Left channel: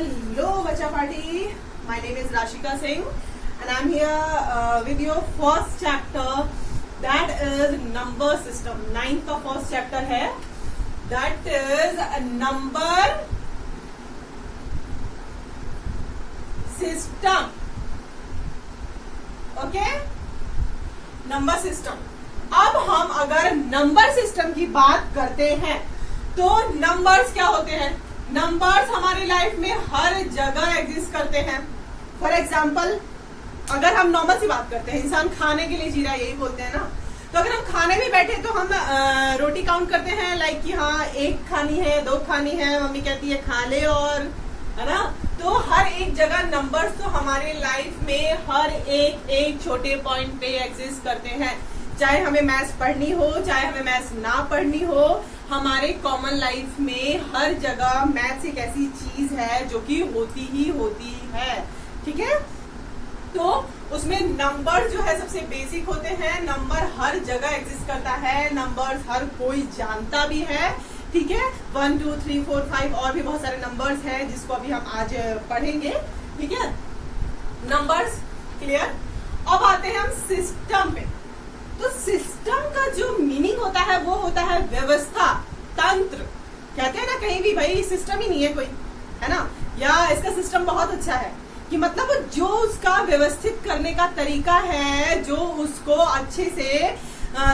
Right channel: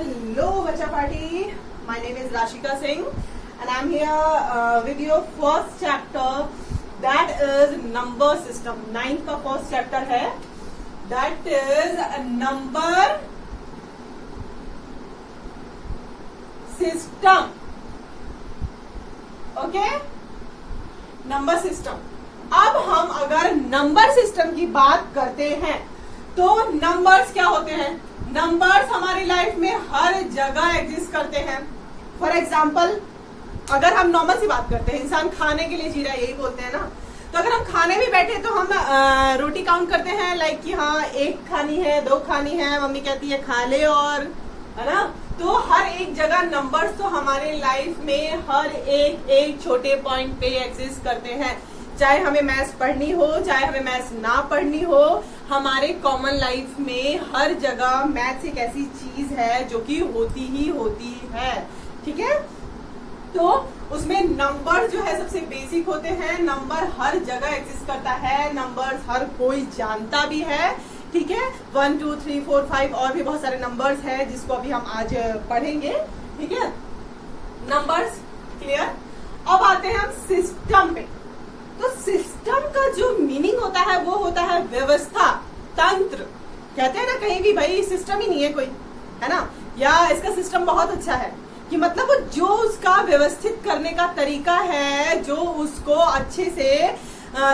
Hello, Bacha Party. My name is Rashika Singh, and I'm here with your first chapter. That is number system. Ninth का first chapter है. That is a number system. Okay? Number system. अब हम अगर number system की बात करते हैं तो नंबर्स क्या होते हैं? नंबर्स हमारी लाइफ में हर जगह एग्जिस्ट करते हैं. फॉर एग्जाम्पल, अगर हम नॉर्मल सी बात करते हैं, इंसान खाने के लिए जी रहा है, यही बोलते हैं ना. तो अगर हम खाने भी बैठे तो हम रोटी काउंट करते हैं, लाइक कि हाँ एक खानी है, दो खानी है, मम्मी कहती है खा ले, और है ना. तो हर एक जगह नंबर्स तो हमारे लाइफ में हर एक छोटे पॉइंट पे एग्जिस्ट करते हैं. चाहे हमें मैथ्स पढ़नी हो, चाहे हमें मैथ्स ना पढ़नी हो, हमारे कॉमन लाइफ में हर जगह मैथ्स एक ऐसी चीज है जो कि होती ही होती है. ठीक है, तो उसमें नंबर जो है सबसे बेसिक होते हैं. नंबर हर जगह एग्जिस्ट करता है, नंबर हर कोई जानता भी है. ठीक है, 1 2 3 4 5 और भी बहुत सारे नंबर्स हैं जिसको अभी हम आज पढ़ेंगे. ठीक है, नंबर्स क्लियर. अब आते हैं हम सिस्टम पे. तो सिस्टम का जो मीनिंग होता है वो होता है व्यवस्था, तंत्र. कहते हैं ना कहीं भी भाई सिस्टम ही नहीं है कोई, है ना, या इसका सिस्टम बहुत अच्छा है, कि मतलब वो जो उसका व्यवस्थित करने का तरीका है, जो उसको अच्छे से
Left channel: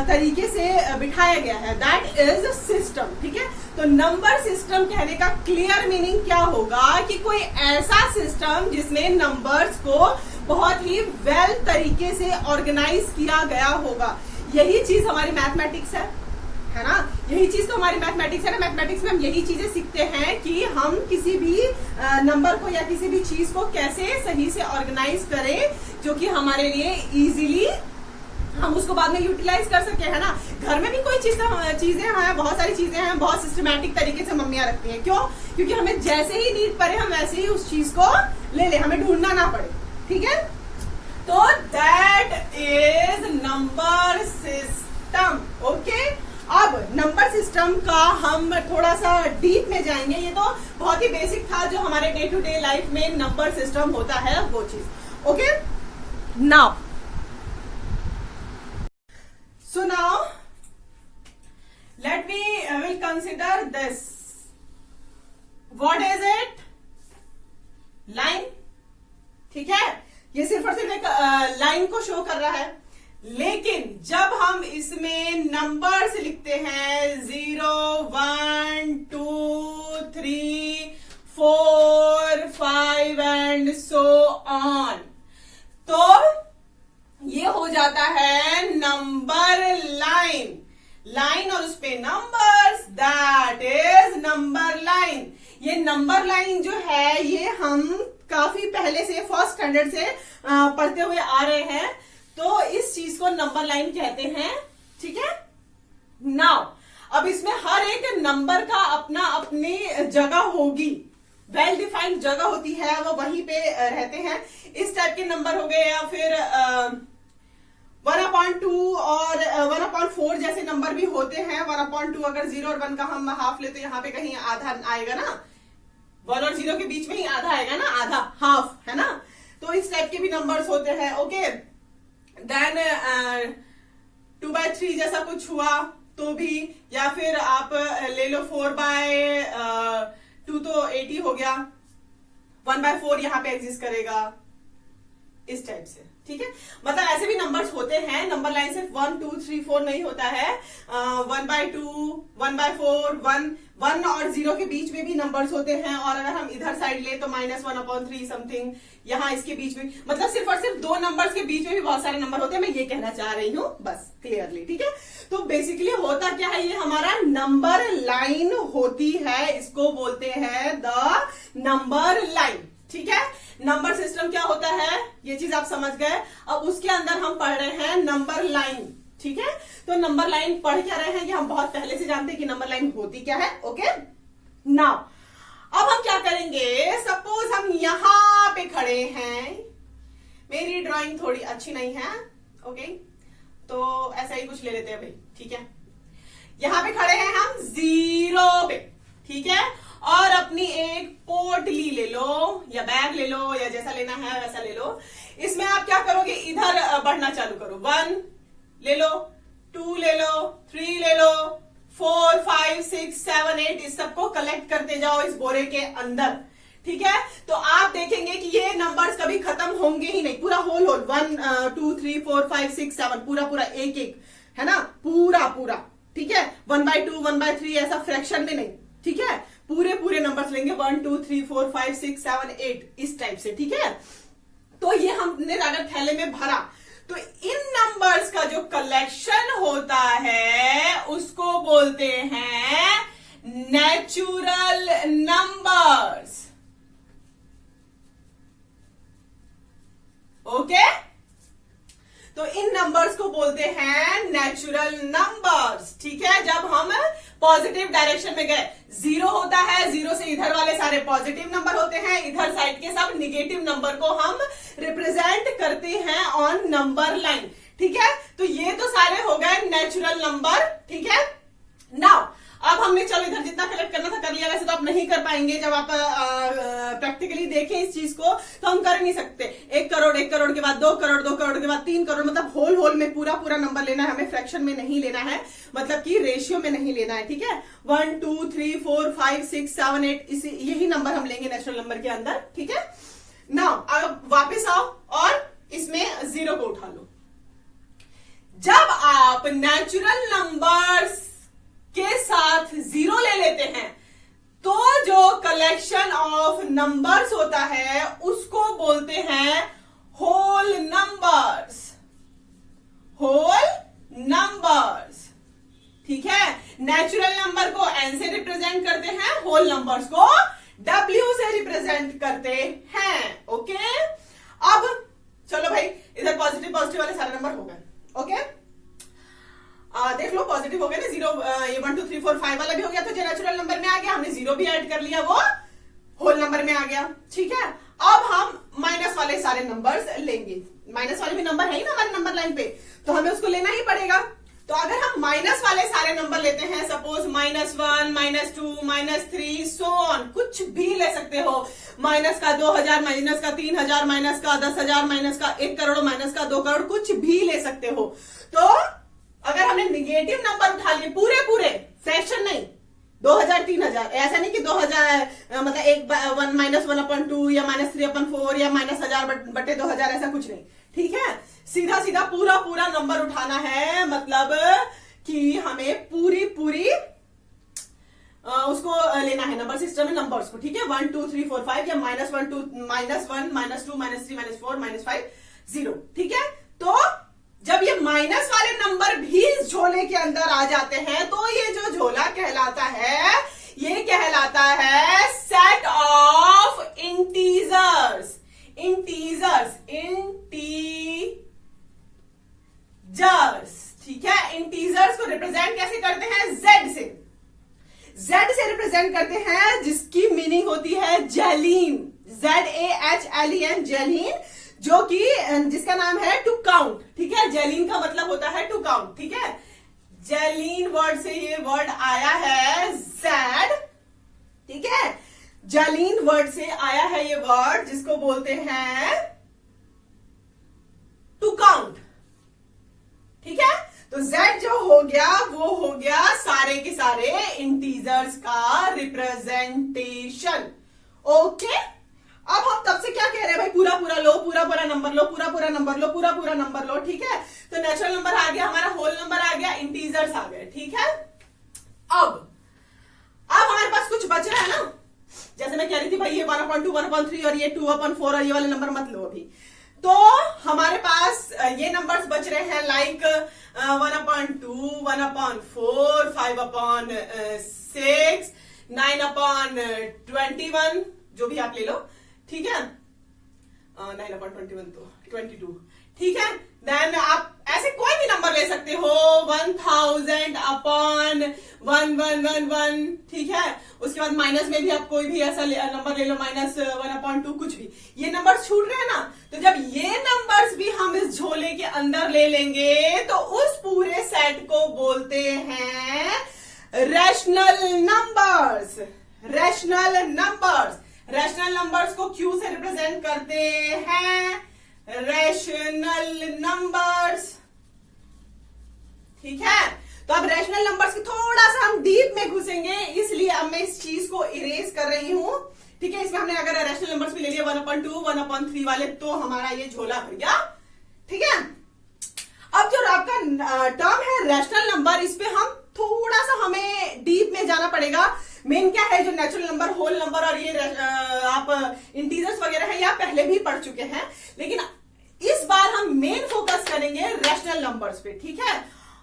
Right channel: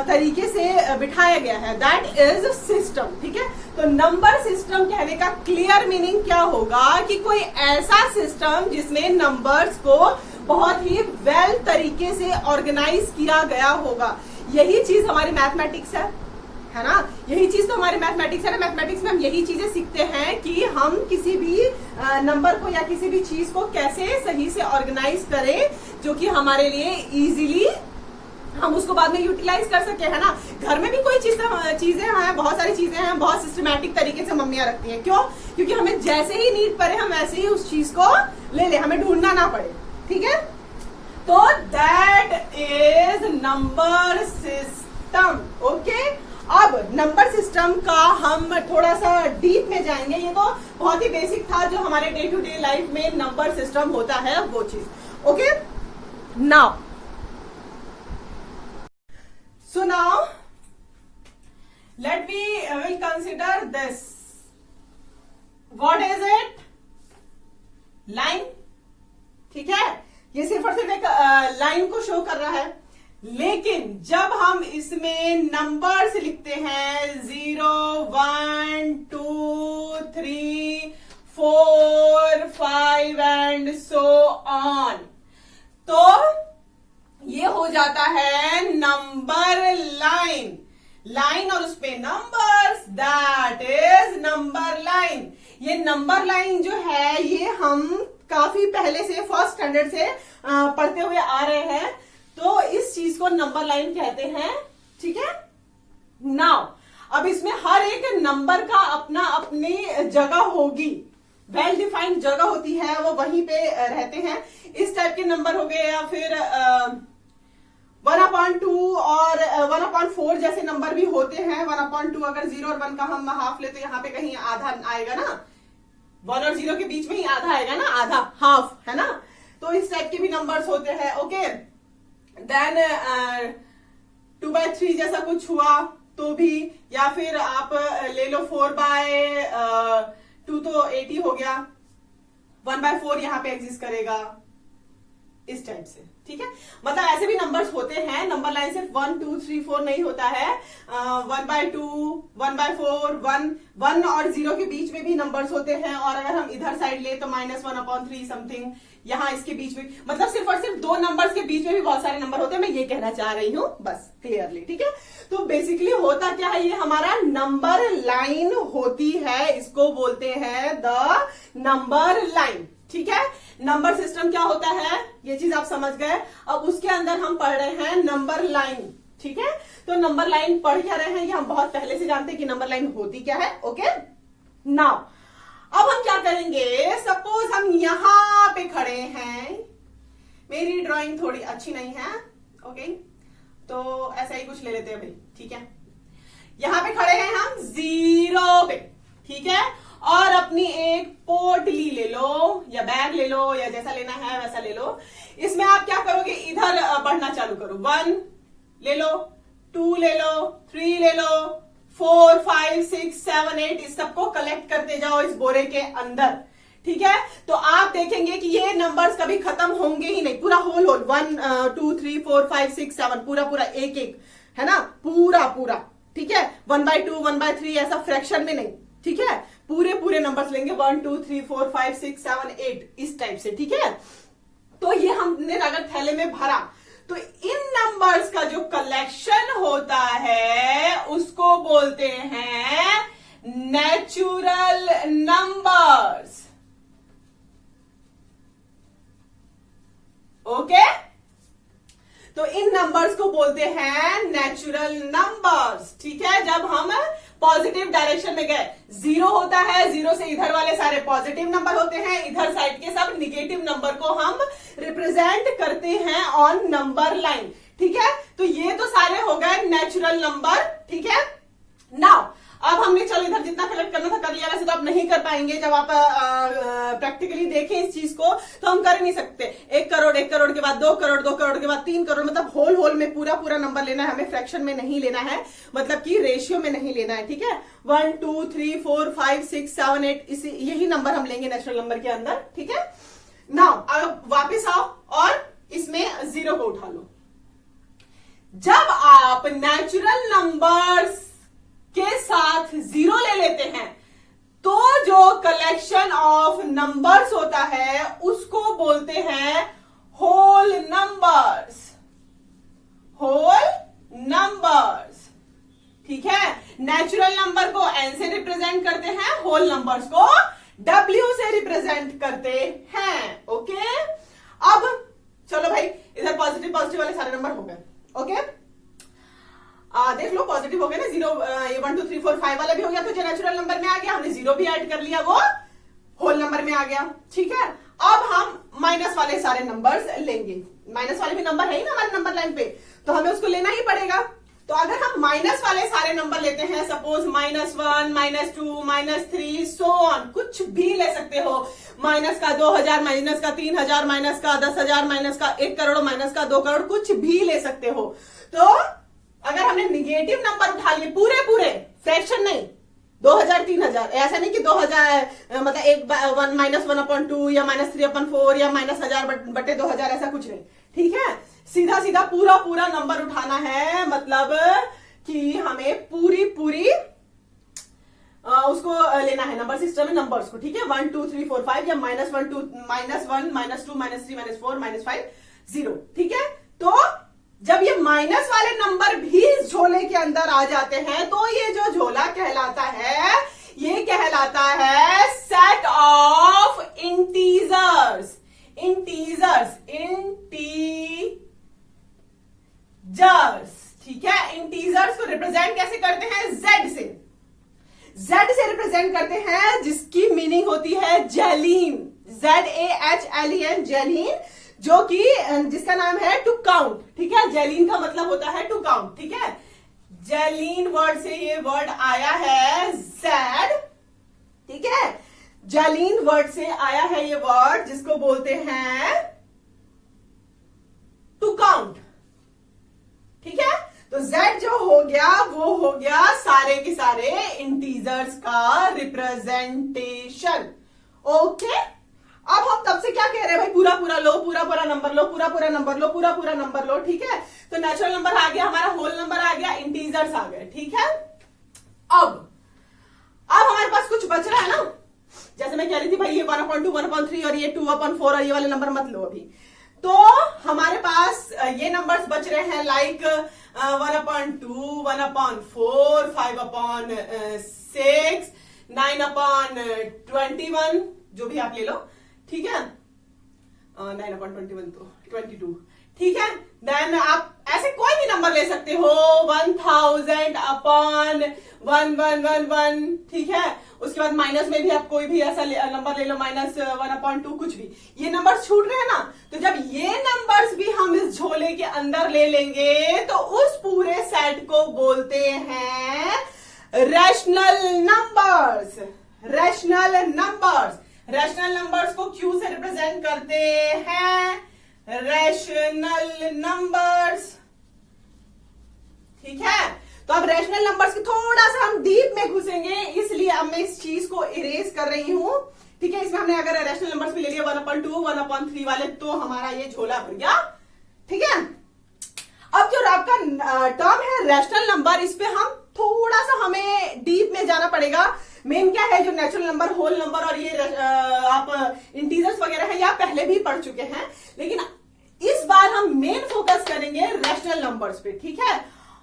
तरीके से बिठाया गया है, दैट इज सिस्टम. ठीक है, तो नंबर सिस्टम कहने का क्लियर मीनिंग क्या होगा कि कोई ऐसा सिस्टम जिसमें नंबर्स को बहुत ही वेल तरीके से ऑर्गेनाइज किया गया होगा. यही चीज हमारी मैथमेटिक्स है ना. यही चीज तो हमारी मैथमेटिक्स है ना. मैथमेटिक्स में हम यही चीजें सीखते हैं कि हम किसी भी नंबर को या किसी भी चीज को कैसे सही से ऑर्गेनाइज करें जो कि हमारे लिए इजीली हम उसको बाद में यूटिलाइज कर सके, है ना. घर में भी कोई चीजें हैं, बहुत सारी चीजें हैं, बहुत सिस्टमैटिक तरीके से मम्मियां रखती हैं. क्यों? क्योंकि हमें जैसे ही नीड पड़े हम वैसे ही उस चीज को ले ले, हमें ढूंढना ना पड़े. ठीक है, तो that is number system. Okay, अब नंबर सिस्टम का हम थोड़ा सा डीप में जाएंगे. ये तो बहुत ही बेसिक था जो हमारे डे टू डे लाइफ में नंबर सिस्टम होता है वो चीज. Okay, now so now let me will consider this. What is it? Line. ठीक है, ये सिर्फ और सिर्फ एक लाइन को शो कर रहा है. लेकिन जब हम इसमें नंबर्स लिखते हैं 0 1 2 3 4 5 एंड सो ऑन, तो ये हो जाता है नंबर लाइन. लाइन और उस पे numbers, that is number line. ये नंबर लाइन जो है ये हम काफी पहले से फर्स्ट स्टैंडर्ड से पढ़ते हुए आ रहे हैं, तो इस चीज को नंबर लाइन कहते हैं. ठीक है, नाउ अब इसमें हर एक नंबर का अपना अपनी जगह होगी, वेल डिफाइंड जगह होती है, वो वहीं पे रहते हैं. इस टाइप के नंबर हो गए, या फिर 1/2 और 1/4 जैसे नंबर भी होते हैं. 1/2 अगर 0 और 1 का हम हाफ ले तो यहाँ पे कहीं आधा आएगा ना, 1 और 0 के बीच में ही आधा आएगा ना, आधा हाफ, है ना. तो इस टाइप के भी नंबर्स होते हैं. ओके, देन 2/3 जैसा कुछ हुआ तो भी, या फिर आप ले लो 4/2 तो 80 हो गया, 1/4 यहाँ पे एग्जिस्ट करेगा, इस टाइप से. ठीक है, मतलब ऐसे भी नंबर्स होते हैं. नंबर लाइन सिर्फ 1 2 3 4 नहीं होता है. 1/2 1/4 1 और 0 के बीच में भी नंबर्स होते हैं. और अगर हम इधर साइड ले तो -1/3 समथिंग यहाँ इसके बीच में, मतलब सिर्फ और सिर्फ 2 नंबर्स के बीच में भी बहुत सारे नंबर होते हैं. मैं ये कहना चाह रही हूँ बस क्लियरली. ठीक है, तो बेसिकली होता क्या है, ये हमारा नंबर लाइन होती है, इसको बोलते हैं द नंबर लाइन. ठीक है, नंबर सिस्टम क्या होता है ये चीज आप समझ गए. अब उसके अंदर हम पढ़ रहे हैं नंबर लाइन. ठीक है, तो नंबर लाइन पढ़ क्या रहे हैं ये हम बहुत पहले से जानते हैं कि नंबर लाइन होती क्या है. ओके, नाउ अब हम क्या करेंगे, सपोज हम यहां पे खड़े हैं. मेरी ड्राइंग थोड़ी अच्छी नहीं है, ओके, तो ऐसा ही कुछ ले लेते हैं भाई. ठीक है, यहां पे खड़े हैं हम 0 पे. ठीक है, और अपनी एक पोटली ले लो या बैग ले लो या जैसा लेना है वैसा ले लो। इसमें आप क्या करोगे, इधर बढ़ना चालू करो। 1 ले लो, 2 ले लो, 3 ले लो, 4 5 6 7 8 इस सबको कलेक्ट करते जाओ इस बोरे के अंदर। ठीक है, तो आप देखेंगे कि ये नंबर्स कभी खत्म होंगे ही नहीं, पूरा होल 1 2 3 4 5 6 7 पूरा एक एक है ना, पूरा। ठीक है, 1/2 1/3 ऐसा फ्रैक्शन में नहीं। ठीक है, पूरे नंबर्स लेंगे 1 2 3 4 5 6 7 8 इस टाइप से। ठीक है, तो ये हमने अगर थैले में भरा तो इन नंबर्स का जो कलेक्शन होता है उसको बोलते हैं नेचुरल नंबर्स। ओके, तो इन नंबर्स को बोलते हैं नेचुरल नंबर्स। ठीक है, जब हम पॉजिटिव डायरेक्शन में गए, 0 होता है, 0 से इधर वाले सारे पॉजिटिव नंबर होते हैं, इधर साइड के सब निगेटिव नंबर को हम रिप्रेजेंट करते हैं ऑन नंबर लाइन। ठीक है, तो ये तो सारे हो गए नेचुरल नंबर। ठीक है, नाउ अब हमने चलो इधर जितना कलेक्ट करना था कर लिया। वैसे तो आप नहीं कर पाएंगे, जब आप प्रैक्टिकली देखें इस चीज को तो हम कर नहीं सकते। 1 करोड़, 1 करोड़ के बाद 2 करोड़, 2 करोड़ के बाद 3 करोड़, मतलब होल में पूरा नंबर लेना है हमें, फ्रैक्शन में नहीं लेना है, मतलब कि रेशियो में नहीं लेना है। ठीक है, 1 2 3 4 5 6 7 8 यही नंबर हम लेंगे नेचुरल नंबर के अंदर। ठीक है, नाउ अब वापिस आओ और इसमें 0 को उठा लो। जब आप नेचुरल नंबर्स के साथ 0 ले लेते हैं तो जो कलेक्शन ऑफ नंबर्स होता है उसको बोलते हैं होल नंबर्स। ठीक है, नेचुरल नंबर को n से रिप्रेजेंट करते हैं, होल नंबर्स को w से रिप्रेजेंट करते हैं। ओके, अब चलो भाई इधर पॉजिटिव वाले सारे नंबर हो गए। ओके, देख लो पॉजिटिव हो गया ना, 0 ये 1 2 3 4 5 वाला भी हो गया, तो जो नेचुरल नंबर में आ गया हमने 0 भी ऐड कर लिया, वो होल नंबर में आ गया। ठीक है, अब हम माइनस वाले सारे नंबर्स लेंगे। माइनस वाले भी नंबर है ही ना हमारे नंबर लाइन पे, तो हमें उसको लेना ही पड़ेगा। तो अगर हम माइनस वाले सारे नंबर लेते हैं, सपोज -1 -2 -3 सो ऑन, कुछ भी ले सकते हो, माइनस का 2000, माइनस का 3000, माइनस का 10,000, माइनस का 1 करोड़, माइनस का 2 करोड़, कुछ भी ले सकते हो। तो अगर हमने निगेटिव नंबर उठा लिए पूरे फ्रैक्शन नहीं, 2000 3000, ऐसा नहीं कि 2000 मतलब -1/2 या -3/4 या -1000/2000, ऐसा कुछ नहीं। ठीक है, सीधा पूरा नंबर उठाना है, मतलब कि हमें पूरी उसको लेना है नंबर सिस्टम में नंबर्स को। ठीक है, 1 2 3 4 5 या -1 -2 -3 -4 -5 0। ठीक है, तो जब ये माइनस वाले नंबर भी इस झोले के अंदर आ जाते हैं तो ये जो झोला कहलाता है, ये कहलाता है सेट ऑफ इंटीजर्स। ठीक है, इंटीजर्स को रिप्रेजेंट कैसे करते हैं, जेड से रिप्रेजेंट करते हैं, जिसकी मीनिंग होती है जेलीन, ZAHLEN, जेलीन, जो कि जिसका नाम है टू काउंट। ठीक है, जेलीन का मतलब होता है टू काउंट। ठीक है, जेलीन वर्ड से ये वर्ड आया है जेड। ठीक है, जेलीन वर्ड से आया है ये वर्ड जिसको बोलते हैं टू काउंट। ठीक है, तो Z जो हो गया वो हो गया सारे के सारे इंटीजर्स का रिप्रेजेंटेशन। ओके, अब हम तब से क्या कह रहे हैं भाई, पूरा लो, पूरा नंबर लो, पूरा नंबर लो। ठीक है, तो नेचुरल नंबर आ गया हमारा, होल नंबर आ गया, इंटीजर्स आ गए। ठीक है, अब हमारे पास कुछ बच रहा है ना, जैसे मैं कह रही थी भाई ये 1/2 1/3 और ये 2/4 और ये वाले नंबर मत लो अभी। तो हमारे पास ये नंबर्स बच रहे हैं लाइक 1/2 1/4 5/6 9/21, जो भी आप ले लो। ठीक है, 9/21 तो 22। ठीक है, देन आप ऐसे कोई भी नंबर ले सकते हो, 1000/1111। ठीक है, उसके बाद माइनस में भी आप कोई भी ऐसा नंबर ले लो, -1/2, कुछ भी। ये नंबर छूट रहे हैं ना, तो जब ये नंबर्स भी हम इस झोले के अंदर ले लेंगे तो उस पूरे सेट को बोलते हैं rational numbers. Rational numbers. Rational numbers को क्यू से रिप्रेजेंट करते हैं रैशनल नंबर्स, ठीक है। तो अब रैशनल नंबर्स की थोड़ा सा हम डीप में घुसेंगे, इसलिए अब मैं इस चीज को इरेज कर रही हूं, ठीक है। इसमें हमने अगर रैशनल नंबर्स भी ले लिया 1/2, 1/3 वाले, तो हमारा ये झोला भर गया, ठीक है। अब जो आपका टर्म है रैशनल नंबर, इस पे हम थोड़ा सा हमें डीप में जाना पड़ेगा। मेन क्या है, जो नेचुरल नंबर, होल नंबर और ये आप इंटीजर्स वगैरह है, या पहले भी पढ़ चुके हैं, लेकिन इस बार हम मेन फोकस करेंगे रैशनल नंबर्स पे, ठीक है।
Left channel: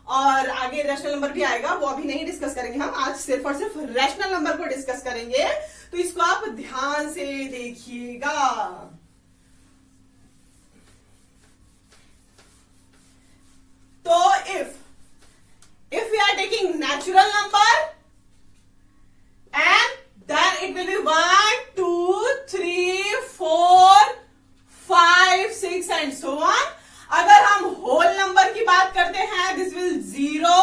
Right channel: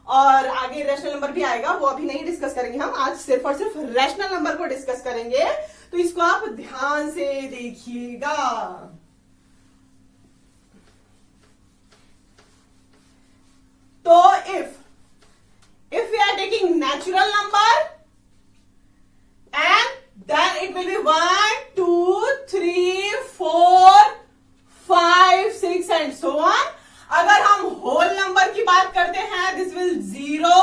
और आगे रैशनल नंबर भी आएगा, वो अभी नहीं डिस्कस करेंगे हम, आज सिर्फ और सिर्फ रैशनल नंबर को डिस्कस करेंगे। तो इसको आप ध्यान से देखिएगा। तो if we are taking natural number and then it will be 1, 2, 3, 4, 5, 6 and so on. अगर हम होल नंबर की बात करते हैं, दिस विल 0,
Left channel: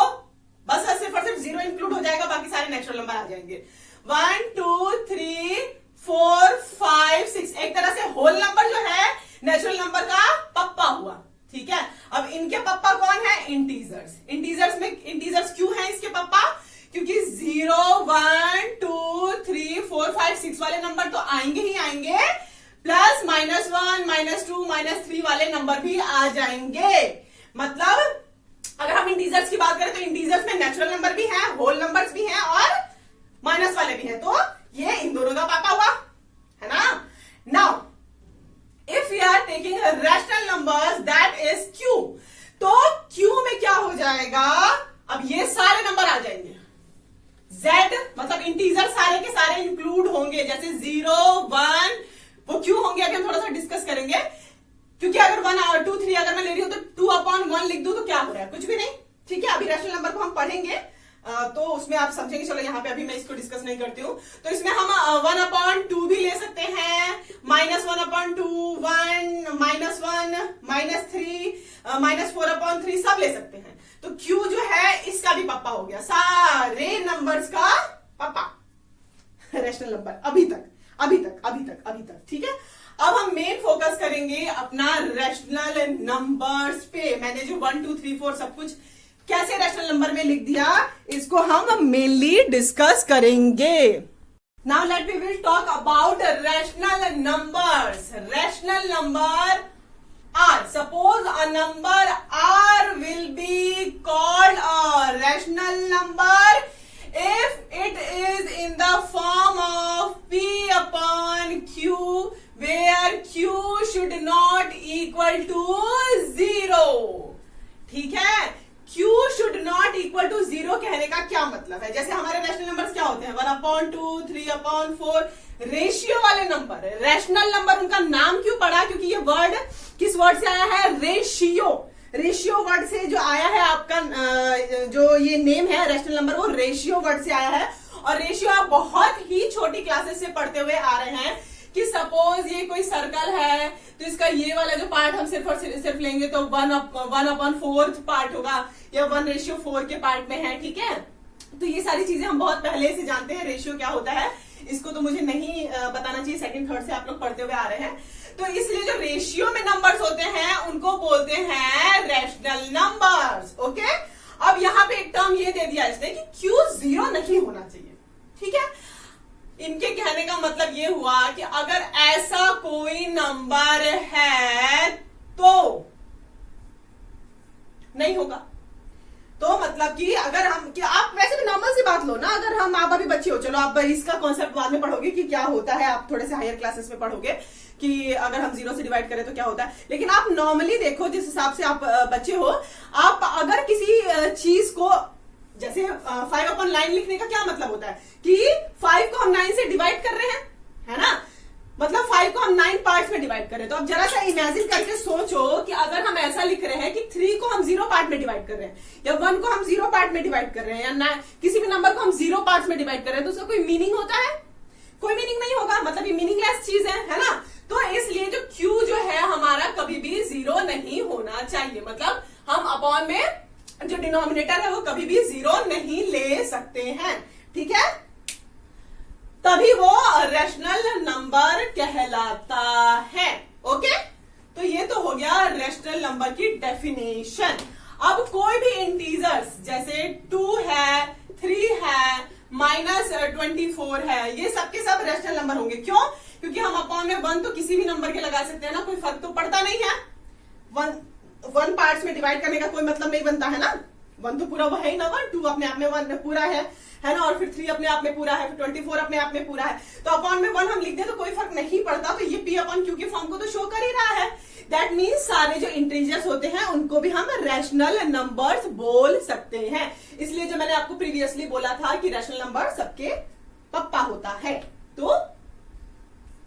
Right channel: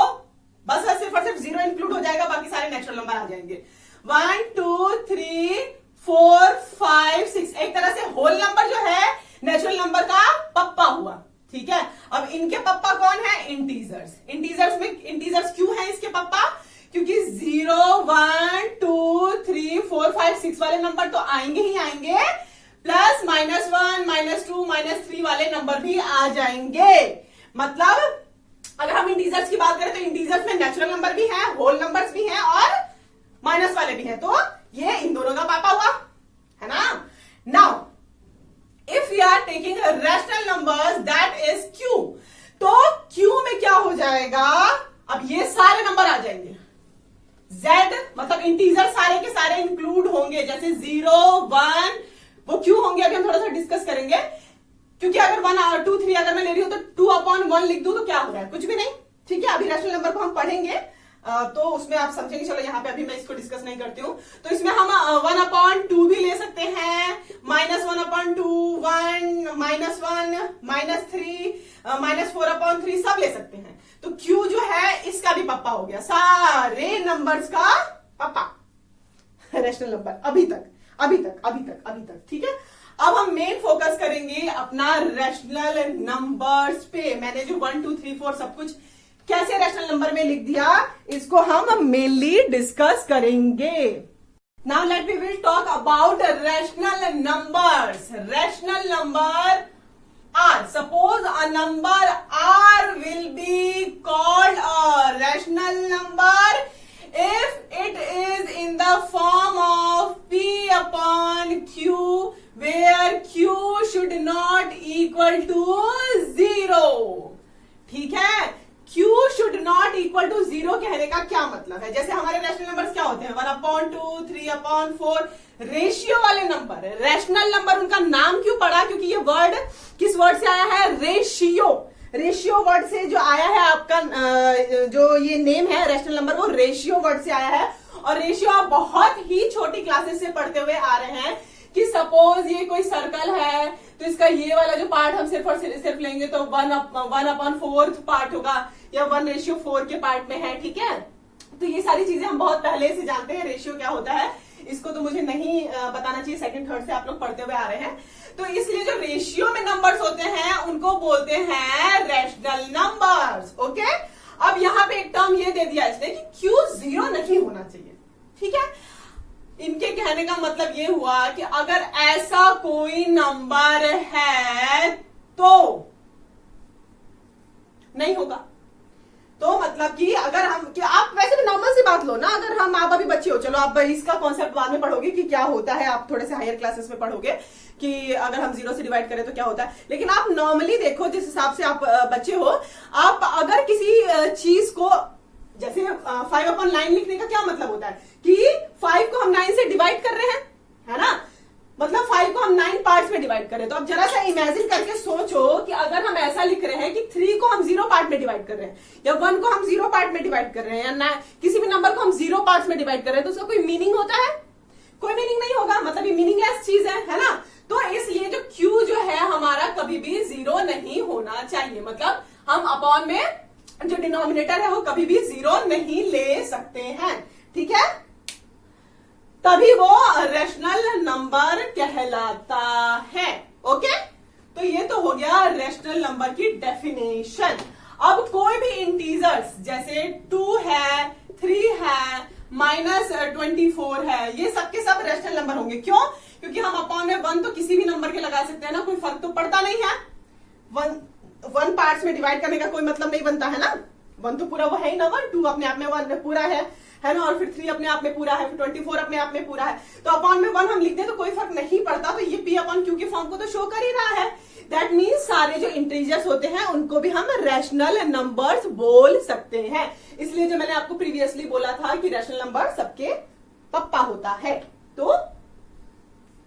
बस सिर्फ और सिर्फ 0 इंक्लूड हो जाएगा, बाकी सारे नेचुरल नंबर आ जाएंगे। 1, 2, 3, 4, 5, 6, एक तरह से होल नंबर जो है नेचुरल नंबर का पप्पा हुआ, ठीक है। अब इनके पप्पा कौन है, इंटीजर्स। इंटीजर्स क्यों है इसके पप्पा, क्योंकि 0, 1, 2, 3, 4, 5, 6 वाले नंबर तो आएंगे ही आएंगे, प्लस -1, -2, -3 वाले नंबर भी आ जाएंगे। मतलब अगर हम इंटीजर्स की बात करें तो इंटीजर्स में नेचुरल नंबर भी है, होल नंबर्स भी हैं और माइनस वाले भी हैं, तो ये इन दोनों का पापा हुआ, है ना। Now if you are taking rational numbers that is Q, तो क्यू में क्या हो जाएगा, अब ये सारे नंबर आ जाएंगे। Z मतलब इंटीजर सारे के सारे इंक्लूड होंगे, जैसे 0, 1 वो क्यों होंगे अभी हम थोड़ा सा डिस्कस करेंगे। क्योंकि अगर 1, 2, 3 अगर मैं ले रही हूं तो 2/1 लिख दूं तो क्या हो रहा है, कुछ भी नहीं, ठीक है। अभी रैशनल नंबर को हम पढ़ेंगे तो उसमें आप समझेंगे, चलो यहाँ पे अभी मैं इसको डिस्कस नहीं करती हूँ। तो इसमें हम 1/2 भी ले सकते हैं, -1/2, 1, -1, -3, -4/3 सब ले सकते हैं। तो Q जो है इसका भी पप्पा हो गया, सारे नंबर्स का पप्पा रैशनल नंबर अभी तक, ठीक है। अब हम मेन फोकस करेंगे अपना रैशनल नंबर्स पे। मैंने जो 1, 2, 3, 4 सब कुछ कैसे रैशनल नंबर में लिख दिया, इसको हम मेनली डिस्कस करेंगे। Now let we will talk about rational numbers. Rational number R. Suppose a number R will be called a rational number if it is in the form of P/Q, where Q should not equal to 0. ठीक है, Q should not equal to 0 कहने का क्या मतलब है। जैसे हमारे rational numbers क्या होते हैं, 1/2, 3/4 रेशियो वाले नंबर। रैशनल नंबर उनका नाम क्यों पड़ा, क्योंकि ये वर्ड किस वर्ड से आया है, रेशियो। रेशियो वर्ड से जो आया है आपका जो ये नेम है रैशनल नंबर, वो रेशियो वर्ड से आया है। और रेशियो आप बहुत ही छोटी क्लासेस से पढ़ते हुए आ रहे हैं कि सपोज ये कोई सर्कल है तो इसका ये वाला जो पार्ट हम सिर्फ और सिर्फ लेंगे तो 1/4 पार्ट होगा, या 1:4 के पार्ट में है, ठीक है। तो ये सारी चीजें हम बहुत पहले से जानते हैं रेशियो क्या होता है, इसको तो मुझे नहीं बताना चाहिए, सेकंड थर्ड से आप लोग पढ़ते हुए आ रहे हैं। तो इसलिए जो रेशियो में नंबर्स होते हैं उनको बोलते हैं रैशनल नंबर्स, ओके। अब यहाँ पे एक टर्म ये दे दिया इसने कि Q 0 नहीं होना चाहिए, ठीक है। इनके कहने का मतलब ये हुआ कि अगर ऐसा कोई नंबर है तो नहीं होगा। तो मतलब कि अगर हम, कि आप वैसे भी नॉर्मल सी बात लो ना, अगर हम, आप अभी बच्चे हो, चलो आप इसका कॉन्सेप्ट बाद में पढ़ोगे कि क्या होता है, आप थोड़े से हायर क्लासेस में पढ़ोगे कि अगर हम 0 से डिवाइड करें तो क्या होता है। लेकिन आप नॉर्मली देखो, जिस हिसाब से आप बच्चे हो, आप अगर किसी चीज को, जैसे 5/9 लिखने का क्या मतलब होता है कि 5 को हम 9 से डिवाइड कर रहे हैं, है ना। मतलब 5 को हम 9 पार्ट्स में डिवाइड कर रहे हैं। तो अब जरा सा इमेजिन करके सोचो कि अगर हम ऐसा लिख रहे हैं कि 3 को हम 0 पार्ट में डिवाइड कर रहे हैं, या 1 को हम 0 पार्ट में डिवाइड कर रहे हैं, या किसी भी नंबर को हम 0 पार्ट्स में डिवाइड कर रहे हैं, तो उसका कोई मीनिंग होता है? कोई मीनिंग नहीं होगा, मतलब ये मीनिंगलेस चीज है ना। तो इसलिए जो Q जो है हमारा कभी भी 0 नहीं होना चाहिए। मतलब हम अपॉन में जो डिनोमिनेटर है वो कभी भी 0 नहीं ले सकते हैं, ठीक है। तभी वो रैशनल नंबर कहलाता है। ओके, तो ये तो हो गया रैशनल नंबर की डेफिनेशन। अब कोई भी इंटीजर्स जैसे 2 है, 3 है, -24 है, ये सब के सब रैशनल नंबर होंगे। क्यों? क्योंकि हम अपॉन में 1 तो किसी भी नंबर के लगा सकते हैं ना, कोई फर्क तो पड़ता नहीं है। 1 पार्ट्स में डिवाइड करने का कोई मतलब नहीं बनता है ना। 1 तो पूरा वो है ही ना, 1, 2 अपने आप में 1 में पूरा है ना, और फिर 3 अपने आप में पूरा है, फिर 24 अपने आप में पूरा है। तो अपॉन में 1 हम लिख दें तो कोई फर्क नहीं पड़ता। तो ये P अपॉन Q के फॉर्म को तो शो कर ही रहा है। दैट मीन्स सारे जो इंटीजर्स होते हैं उनको भी हम रैशनल नंबर्स बोल सकते हैं। इसलिए जो मैंने आपको प्रीवियसली बोला था कि रैशनल नंबर सबके पप्पा होता है, तो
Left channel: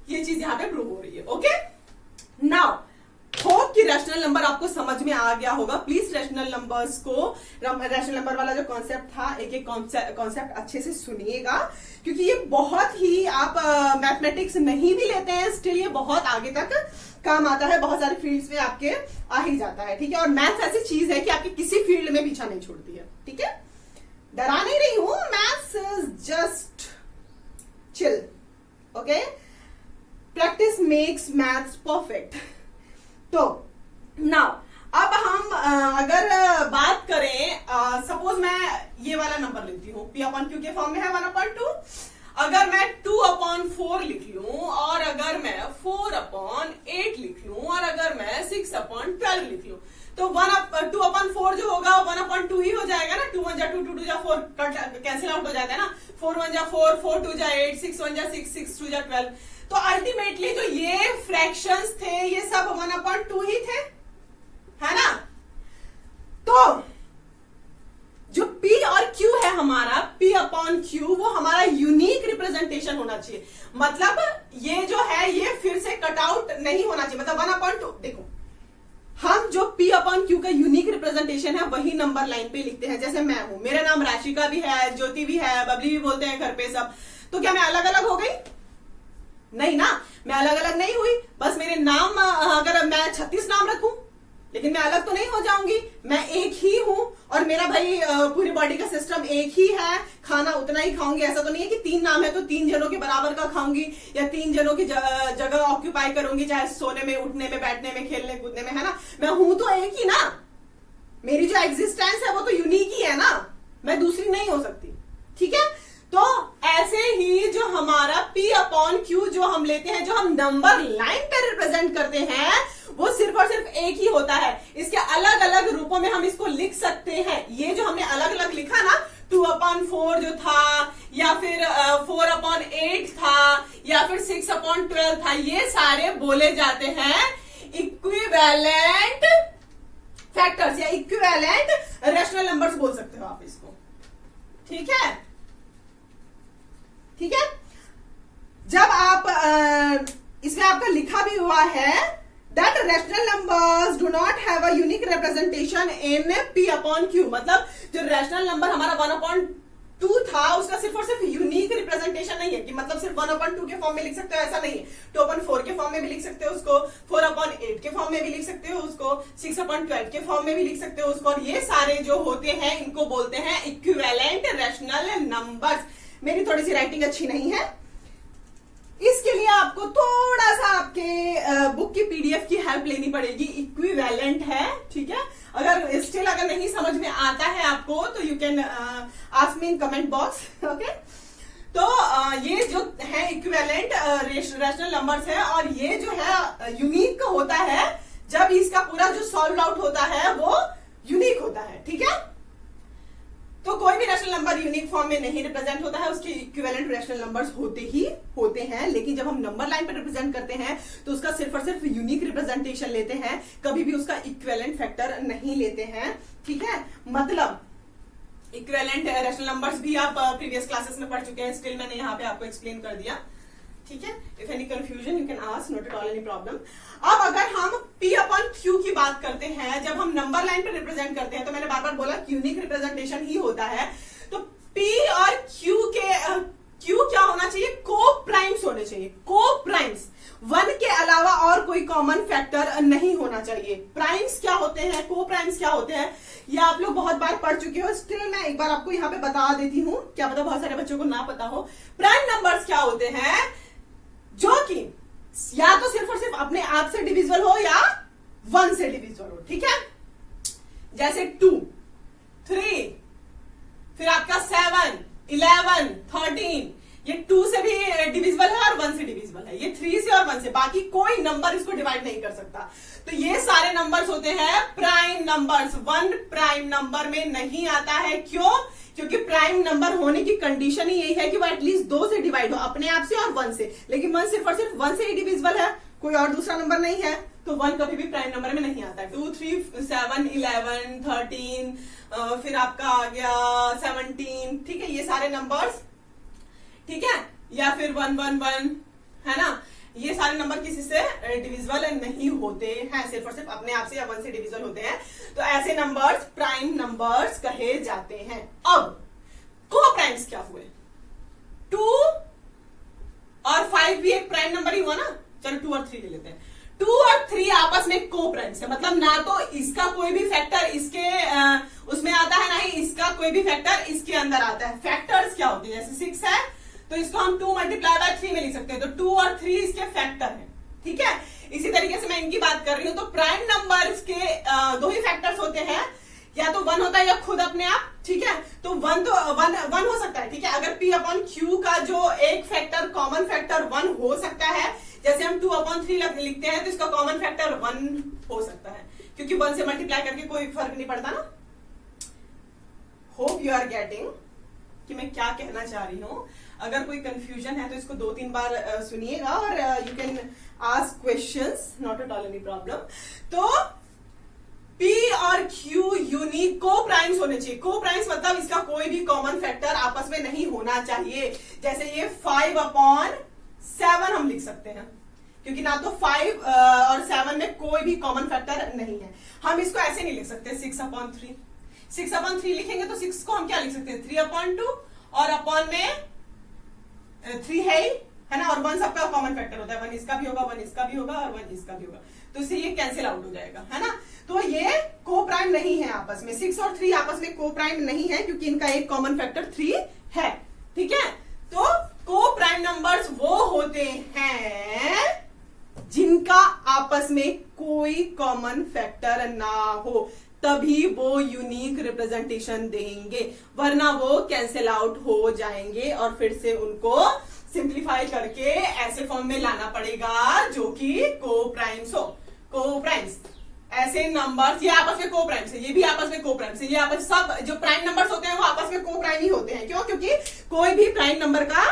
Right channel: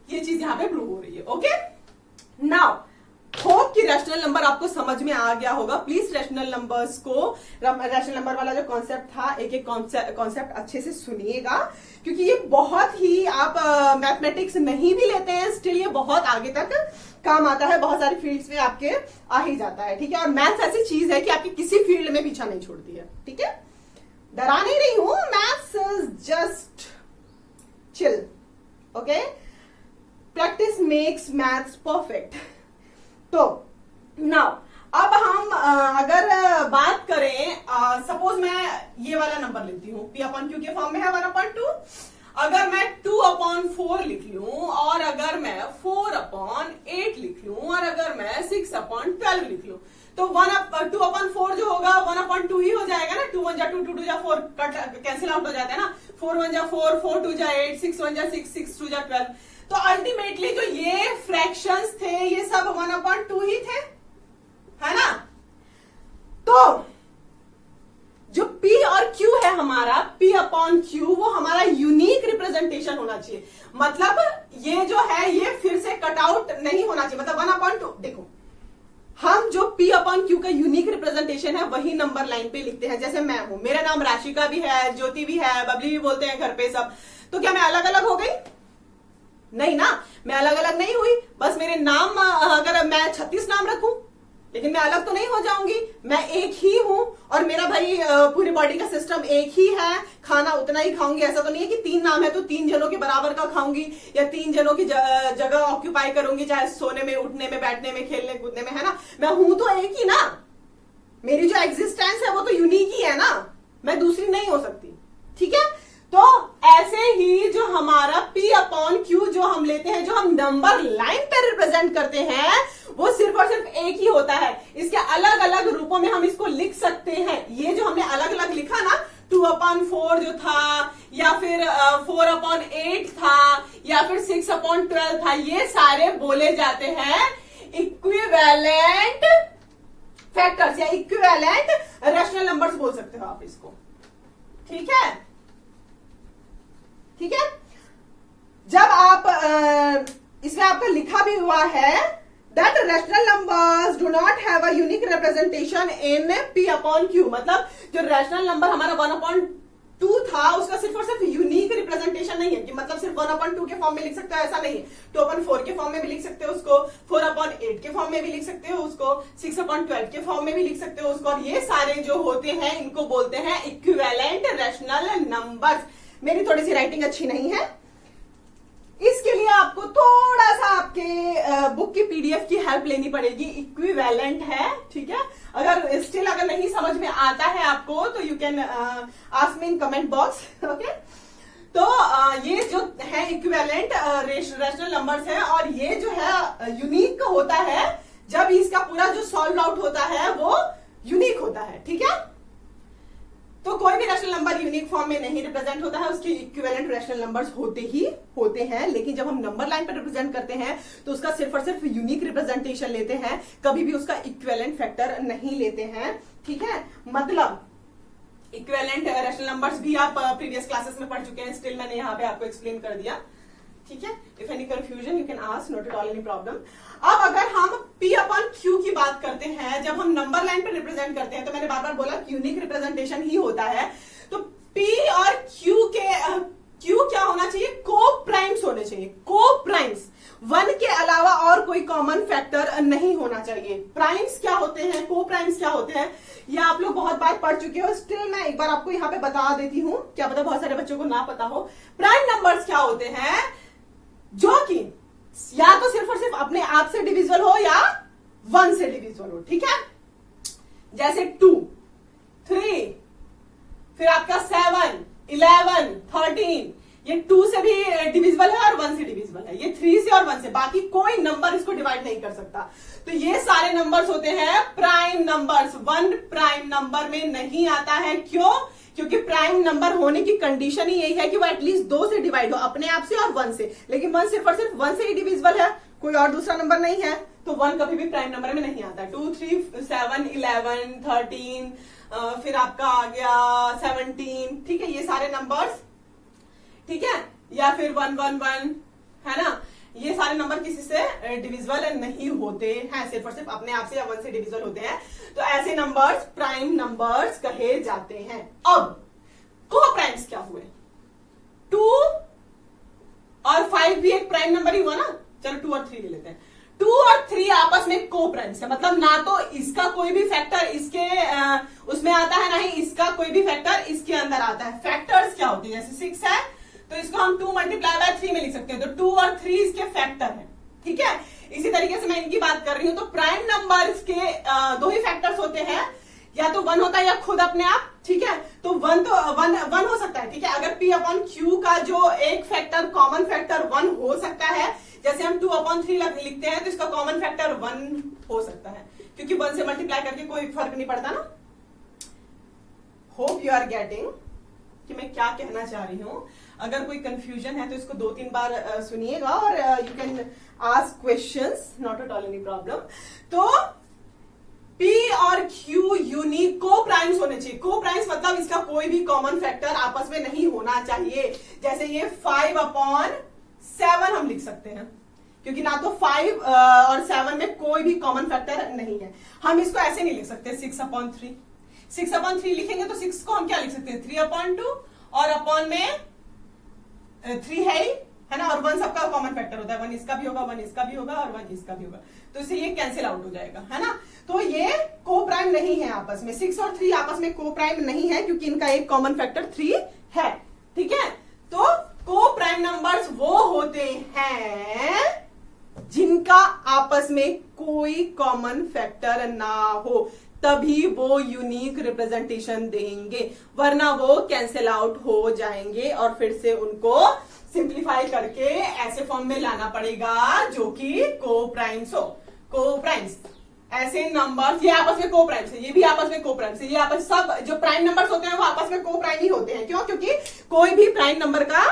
ये चीज यहां पे प्रूव हो रही है। ओके, नाउ होप कि रैशनल नंबर आपको समझ में आ गया होगा। प्लीज रैशनल नंबर्स को, रैशनल नंबर वाला जो कॉन्सेप्ट था, एक एक कॉन्सेप्ट अच्छे से सुनिएगा, क्योंकि ये बहुत ही, आप मैथमेटिक्स नहीं भी लेते हैं स्टिल ये बहुत आगे तक काम आता है, बहुत सारी फील्ड्स में आपके आ ही जाता है। ठीक है, और मैथ्स ऐसी चीज है कि आपकी किसी फील्ड में पीछा नहीं छोड़ती है। ठीक है, डरा नहीं रही हूं, maths is just chill. Okay, practice makes maths perfect. तो नाउ अब हम अगर बात करें, सपोज मैं ये वाला नंबर लेती हूँ, P अपॉन Q के फॉर्म में है 1/2। अगर मैं 2/4 लिख लूं, और अगर मैं 4/8 लिख लूं, और अगर मैं 6/12 लिख लूं, तो 2/4 जो होगा 1/2 ही हो जाएगा ना। 2 1 जा 2, 2 2 जा 4, कैंसिल आउट हो जाता है ना। 4 1 जा 4, 4 2 जा 8, 6 1 जा 6, 6 2 जा 12। तो अल्टीमेटली जो ये फ्रैक्शंस थे ये सब 1/2 ही थे, है ना। तो जो P और Q है हमारा, P अपॉन Q, वो हमारा यूनिक रिप्रेजेंटेशन होना चाहिए। मतलब ये जो है ये फिर से कटआउट नहीं होना चाहिए। मतलब 1/2, देखो हम जो P अपॉन Q का यूनिक रिप्रेजेंटेशन है वही नंबर लाइन पे लिखते हैं। जैसे मैं हूं, मेरा नाम राशिका भी है, ज्योति भी है, बबली भी बोलते हैं घर पे सब, तो क्या मैं अलग अलग हो गई? नहीं ना, मैं अलग अलग नहीं हुई। बस मेरे नाम, अगर मैं 36 नाम रखूं, लेकिन मैं अलग तो नहीं हो जाऊंगी, मैं एक ही हूं। और मेरा भाई पूरी बॉडी का सिस्टम एक ही है, खाना उतना ही खाऊंगी। ऐसा तो नहीं है कि 3 नाम है तो 3 जनों के बराबर का खाऊंगी, या 3 जनों की जगह ऑक्यूपाई करूंगी, चाहे सोने में, उठने में, बैठने में, खेलने कूदने में, है ना। मैं हूं तो एक ही ना, मेरी जो एग्जिस्टेंस है वो तो यूनिक ही है ना, मैं दूसरी नहीं हो सकती। ठीक है, तो ऐसे ही जो हमारा P अपॉन Q जो हम लेते हैं, जो हम नंबर लाइन पे रिप्रेजेंट करते हैं, वो सिर्फ और सिर्फ एक ही होता है। इसके अलग अलग रूपों में हम इसको लिख सकते हैं। ये जो हमने अलग अलग लिखा ना, 2/4 जो था, या फिर 4/8 था, या फिर 6/12 था, ये सारे बोले जाते हैं इक्विवेलेंट फैक्टर्स, या इक्विवेलेंट रैशनल नंबर्स बोल सकते हो आप इसको। ठीक है, ठीक है। जब आप इसमें आपका लिखा भी हुआ है that rational numbers do not have a unique representation in P upon Q, मतलब जो रैशनल नंबर हमारा 1/2 था उसका सिर्फ और सिर्फ यूनिक रिप्रेजेंटेशन नहीं है कि मतलब सिर्फ 1/2 के फॉर्म में लिख सकते हो, ऐसा नहीं है। 2/4 के फॉर्म में भी लिख सकते हो उसको, 4/8 के फॉर्म में भी लिख सकते हो उसको, 6/12 के फॉर्म में भी लिख सकते हो उसको, और ये सारे जो होते हैं इनको बोलते हैं इक्विवेलेंट रैशनल नंबर्स। मेरी थोड़ी सी राइटिंग अच्छी नहीं है, इसके लिए आपको थोड़ा सा आपके बुक की पीडीएफ की हेल्प लेनी पड़ेगी। इक्विवेलेंट है, ठीक है। अगर स्टिल अगर नहीं समझ में आता है आपको तो you can ask me in comment box. Okay, तो ये जो है इक्विवेलेंट रैशनल नंबर्स है, और ये जो है यूनिक होता है जब इसका पूरा जो सॉल्व आउट होता है वो यूनिक होता है। ठीक है, तो कोई भी रैशनल नंबर यूनिक फॉर्म में नहीं रिप्रेजेंट होता है, उसके इक्विवेलेंट रैशनल नंबर्स होते ही होते हैं। लेकिन जब हम नंबर लाइन पर रिप्रेजेंट करते हैं तो उसका सिर्फ और सिर्फ यूनिक रिप्रेजेंटेशन लेते हैं, कभी भी उसका इक्विवेलेंट फैक्टर नहीं लेते हैं। ठीक है, मतलब इक्विवेलेंट रैशनल नंबर्स भी आप प्रीवियस क्लासेस में पढ़ चुके हैं, स्टिल मैंने यहाँ पे आपको एक्सप्लेन कर दिया। ठीक है, if any confusion you can ask, not at all any problem. अब अगर हम P अपॉन Q की बात करते हैं, जब हम नंबर लाइन पे रिप्रेजेंट करते हैं, तो मैंने बार बार बोला यूनिक रिप्रेजेंटेशन ही होता है। तो P और Q के Q क्या होना चाहिए? को प्राइम्स होने चाहिए, को प्राइम्स। 1 के अलावा और कोई कॉमन फैक्टर नहीं होना चाहिए। प्राइम्स क्या होते हैं, को प्राइम्स क्या होते हैं, ये आप लोग बहुत बार पढ़ चुके हो, स्टिल मैं एक बार आपको यहाँ पे बता देती हूँ, क्या पता बहुत सारे बच्चों को ना पता हो। प्राइम नंबर्स क्या होते हैं, जो कि या तो सिर्फ और सिर्फ अपने आप से डिविजिबल हो या 1 से डिविजिबल हो, ठीक है। जैसे 2, 3, फिर आपका 7, 11, 13, ये 2 से भी डिविजिबल है और 1 से डिविजिबल है, ये 3 से और 1 से, बाकी कोई नंबर इसको डिवाइड नहीं कर सकता। तो ये सारे नंबर्स होते हैं प्राइम नंबर्स। 1 प्राइम नंबर में नहीं आता है, क्यों? क्योंकि प्राइम नंबर होने की कंडीशन ही यही है कि वो एटलीस्ट 2 से डिवाइड हो, अपने आप से और 1 से। लेकिन 1 सिर्फ और सिर्फ 1 से ही डिविजिबल है, कोई और दूसरा नंबर नहीं है, तो 1 कभी भी प्राइम नंबर में नहीं आता। 2, 3, 7, 11, 13, फिर आपका आ गया 17, ठीक है, ये सारे नंबर्स, ठीक है, या फिर 1, 1, 1, है ना, ये सारे नंबर किसी से डिविजिबल नहीं होते हैं, सिर्फ और सिर्फ अपने आप से या 1 से डिविजिबल होते हैं। तो ऐसे नंबर्स प्राइम नंबर्स कहे जाते हैं। अब को प्राइम्स क्या हुए? 2 और 5 भी एक प्राइम नंबर ही हुआ ना, चलो 2 और 3 ले लेते हैं। 2 और 3 आपस में को प्राइम्स है, मतलब ना तो इसका कोई भी फैक्टर इसके उसमें आता है, ना ही इसका कोई भी फैक्टर इसके अंदर आता है। फैक्टर्स क्या होते हैं? जैसे 6 है तो इसको हम 2 मल्टीप्लाई बाय 3 में लिख सकते हैं, तो 2 और 3 इसके फैक्टर हैं, ठीक है। इसी तरीके से मैं इनकी बात कर रही हूं, तो प्राइम नंबर्स के 2 ही फैक्टर्स होते हैं, या तो 1 होता है या खुद अपने आप, ठीक है। तो 1 तो 1 हो सकता है, ठीक है। अगर P/Q का जो एक फैक्टर कॉमन फैक्टर 1 हो सकता है, जैसे हम 2/3 लिखते हैं तो इसका कॉमन फैक्टर 1 हो सकता है, क्योंकि 1 से मल्टीप्लाई करके कोई फर्क नहीं पड़ता ना। होप यू आर गेटिंग कि मैं क्या कहना चाह रही हूं। अगर कोई कंफ्यूजन है तो इसको 2-3 बार सुनिएगा और you can ask questions, not at all any problem. तो P और Q यूनिक को प्राइम्स होने चाहिए। को प्राइम्स मतलब इसका कोई भी कॉमन फैक्टर आपस में नहीं होना चाहिए। जैसे ये 5/7 हम लिख सकते हैं, क्योंकि ना तो 5 और 7 में कोई भी कॉमन फैक्टर नहीं है। हम इसको ऐसे नहीं लिख सकते 6/3। 6/3 लिखेंगे तो 6 को हम क्या लिख सकते हैं 3/2, और अपॉन में 3 है ना, और 1 सबका कॉमन फैक्टर होता है, 1 इसका भी होगा, 1 इसका भी होगा और 1 इसका भी होगा, तो इससे ये कैंसिल आउट हो जाएगा, है ना। तो ये को प्राइम नहीं है आपस में, 6 और 3 आपस में को प्राइम नहीं है, क्योंकि इनका एक कॉमन फैक्टर 3 है, ठीक है। तो को प्राइम नंबर्स वो होते हैं जिनका आपस में कोई कॉमन फैक्टर ना हो, तभी वो यूनिक रिप्रेजेंटेशन देंगे, वरना वो कैंसिल आउट हो जाएंगे और फिर से उनको सिंप्लीफाई करके ऐसे फॉर्म में लाना पड़ेगा जो कि को प्राइम्स हो। को प्राइम्स ऐसे नंबर्स, ये आपस में को प्राइम्स है, ये भी आपस में को प्राइम्स है, ये आपस सब जो प्राइम नंबर्स होते हैं वो आपस में को प्राइम ही होते हैं। क्यों? क्योंकि कोई भी प्राइम नंबर का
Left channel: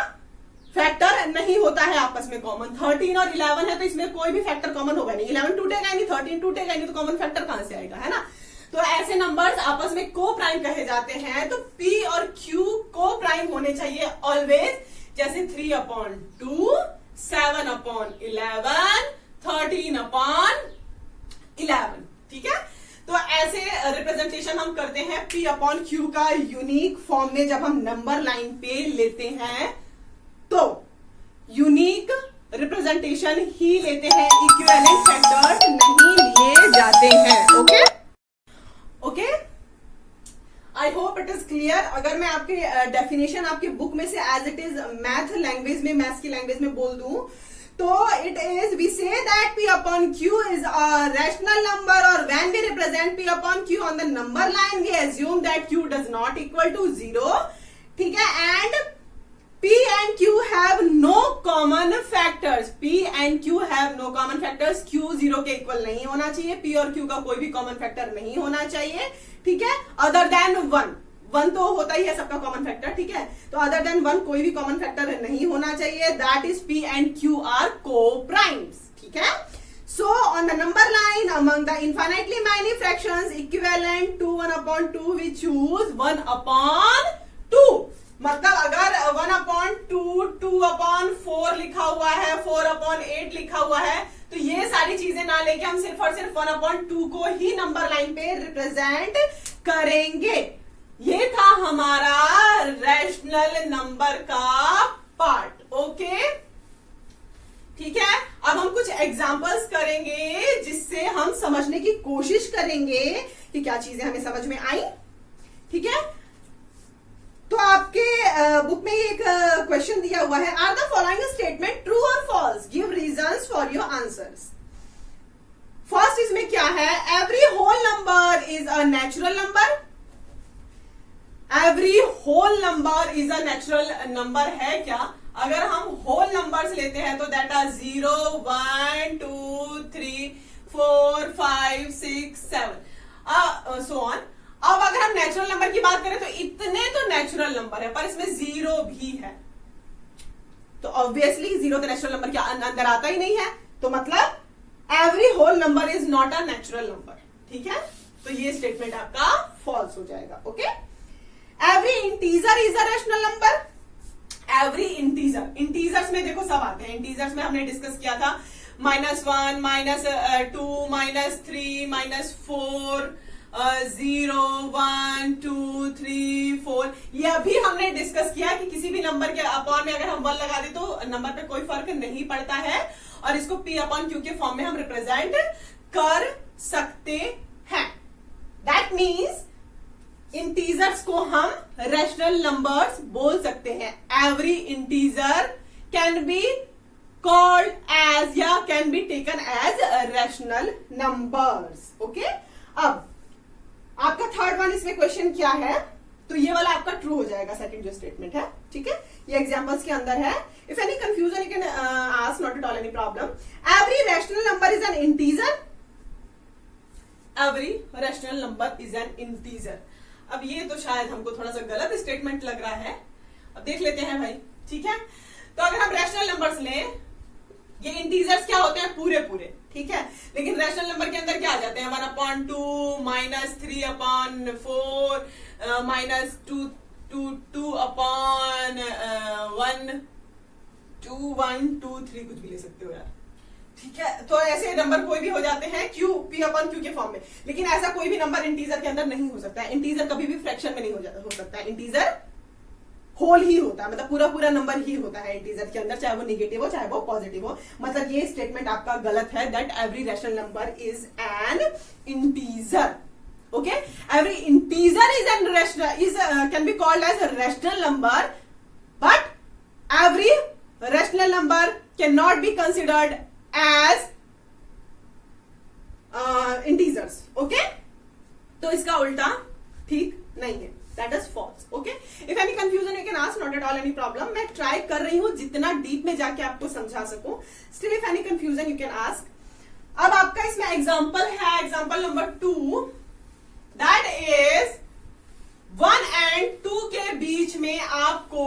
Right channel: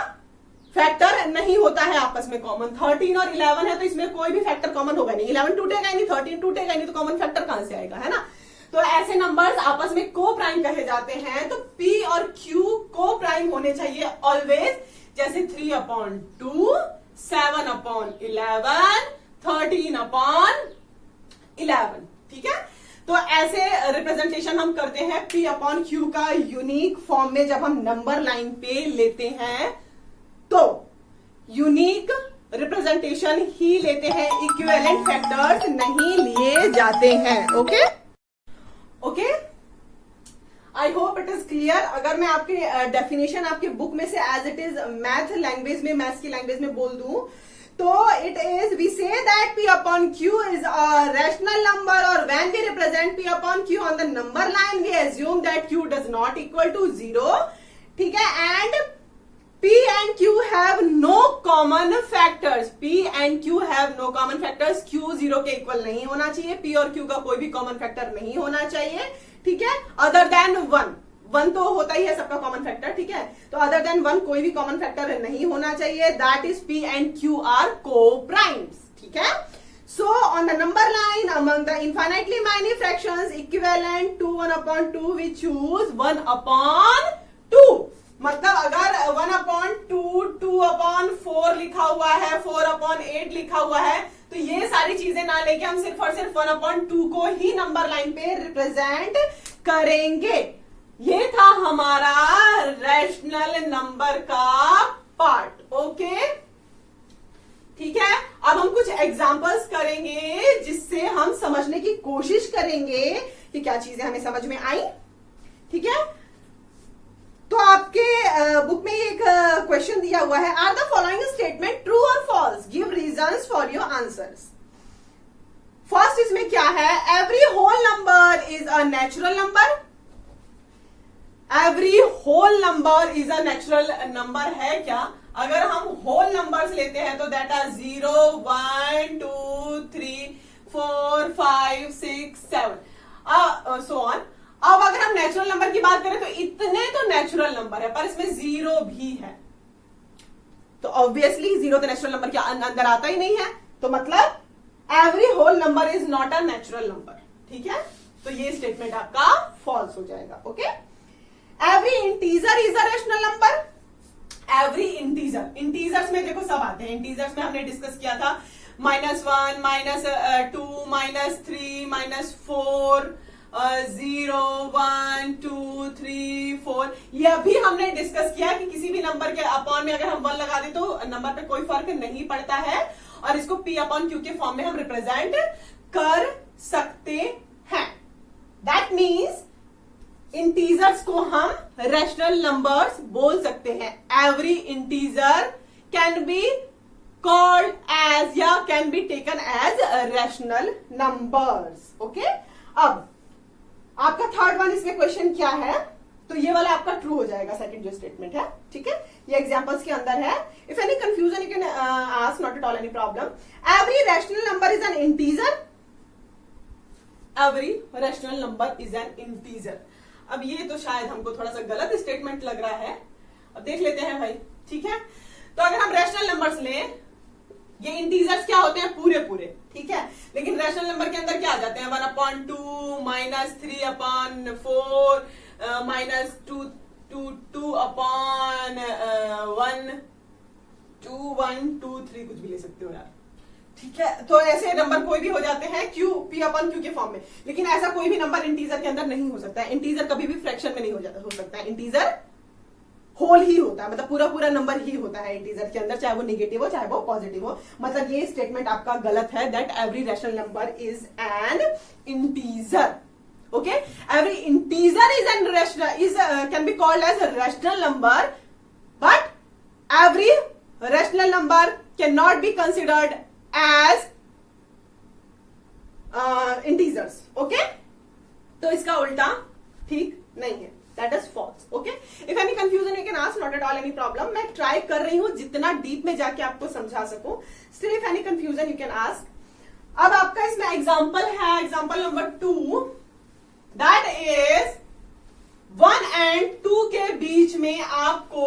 फैक्टर नहीं होता है आपस में कॉमन। 13 और 11 है तो इसमें कोई भी फैक्टर कॉमन होगा नहीं, 11 टूटेगा ही नहीं, 13 टूटेगा ही नहीं, तो कॉमन फैक्टर कहां से आएगा, है ना। तो ऐसे नंबर्स आपस में को प्राइम कहे जाते हैं। तो P और Q को प्राइम होने चाहिए ऑलवेज, जैसे 3/2, 7/11, 13/11, ठीक है। तो ऐसे रिप्रेजेंटेशन हम करते हैं P/Q का यूनिक फॉर्म में। जब हम नंबर लाइन पे लेते हैं तो यूनिक रिप्रेजेंटेशन ही लेते हैं, इक्विवेलेंट फैक्टर्स नहीं लिए जाते हैं। Okay okay, I hope it is clear. अगर मैं आपके डेफिनेशन आपके बुक में से as it is math language में, मैथ्स की लैंग्वेज में बोल दूं तो it is, we say that P/Q is a rational number, or when we represent P/Q on the number line we assume that Q does not equal to 0, ठीक है, and P and Q have no common factors. P and Q have no common factors. Q 0 के equal नहीं होना चाहिए, P और Q का कोई भी कॉमन फैक्टर नहीं होना चाहिए, ठीक है, अदर देन 1। 1 तो होता ही है सबका कॉमन फैक्टर, ठीक है, तो अदर देन 1 कोई भी कॉमन फैक्टर नहीं होना चाहिए। That is P and Q are co-primes, ठीक है। So on the number line among the infinitely many fractions equivalent to 1/2 we choose 1/2। मतलब अगर 1/2, 2/4 लिखा हुआ है, 4/8 लिखा हुआ है, तो ये सारी चीजें ना लेके हम सिर्फ और सिर्फ 1/2 को ही नंबर लाइन पे रिप्रेजेंट करेंगे। ये था हमारा रैशनल नंबर का पार्ट। ओके, ठीक है। अब हम कुछ एग्जांपल्स करेंगे जिससे हम समझने की कोशिश करेंगे कि क्या चीजें हमें समझ में आई। ठीक है। तो आपके बुक में एक क्वेश्चन दिया हुआ है, are the following statement true और false, give reasons for your answers. First इसमें क्या है, every whole number is a natural number. Every whole number is a natural number है क्या? अगर हम होल नंबर्स लेते हैं तो दैट आर 0, 1, 2, 3, 4, 5, 6, 7 सो ऑन। अब अगर हम नेचुरल नंबर की बात करें तो इतने तो नेचुरल नंबर है, पर इसमें 0 भी है, तो ऑब्वियसली 0 तो नेचुरल नंबर के अंदर आता ही नहीं है, तो मतलब every whole number is not a natural number. ठीक है, तो ये स्टेटमेंट आपका फॉल्स हो जाएगा। Okay, every integer is a rational number. Every integer, integers में देखो सब आते हैं, इंटीजर्स में हमने डिस्कस किया था -1, -2, -3, -4, 0, 1, 2, 3, 4। ये अभी हमने डिस्कस किया कि किसी भी नंबर के अपॉन में अगर हम 1 लगा दें तो नंबर पे कोई फर्क नहीं पड़ता है, और इसको P/Q के फॉर्म में हम रिप्रेजेंट कर सकते हैं। दैट मीन्स इंटीजर्स को हम रैशनल नंबर्स बोल सकते हैं। Every integer can be called as या can be taken as rational numbers. Okay, अब आपका थर्ड वन इसमें क्वेश्चन क्या है, तो ये वाला आपका ट्रू हो जाएगा, सेकंड जो स्टेटमेंट है। ठीक है, ये एग्जांपल्स के अंदर है। If any confusion you can ask, not at all any problem. Every rational number is an integer. Every rational number is an integer. अब ये तो शायद हमको थोड़ा सा गलत स्टेटमेंट लग रहा है, अब देख लेते हैं भाई। ठीक है, तो अगर हम रैशनल नंबर्स लें, ये इंटीजर्स क्या होते हैं, पूरे पूरे। ठीक है, लेकिन रैशनल नंबर के अंदर क्या आ जाते हैं, 1/2, -3/4, -2/1, 2, 1, 2, 3 कुछ भी ले सकते हो यार। ठीक है, तो ऐसे नंबर कोई भी हो जाते हैं P/Q के फॉर्म में, लेकिन ऐसा कोई भी नंबर इंटीजर के अंदर नहीं हो सकता है। इंटीजर कभी भी फ्रैक्शन में नहीं हो सकता है, इंटीजर होल ही होता है, मतलब पूरा पूरा नंबर ही होता है इंटीजर के अंदर, चाहे वो नेगेटिव हो चाहे वो पॉजिटिव हो। मतलब ये स्टेटमेंट आपका गलत है, that every rational number is an integer. Okay, every integer is an rational can be called as rational number, but every rational number can not be considered as integers. Okay, तो इसका उल्टा ठीक नहीं है, that is false. Okay, if any confusion you can ask, not at all any problem. मैं try कर रही हूं जितना डीप में जाके आपको समझा सकूं। Still if any confusion you can ask. अब आपका इसमें एग्जाम्पल है, example number 2, that is 1 and 2 के बीच में आपको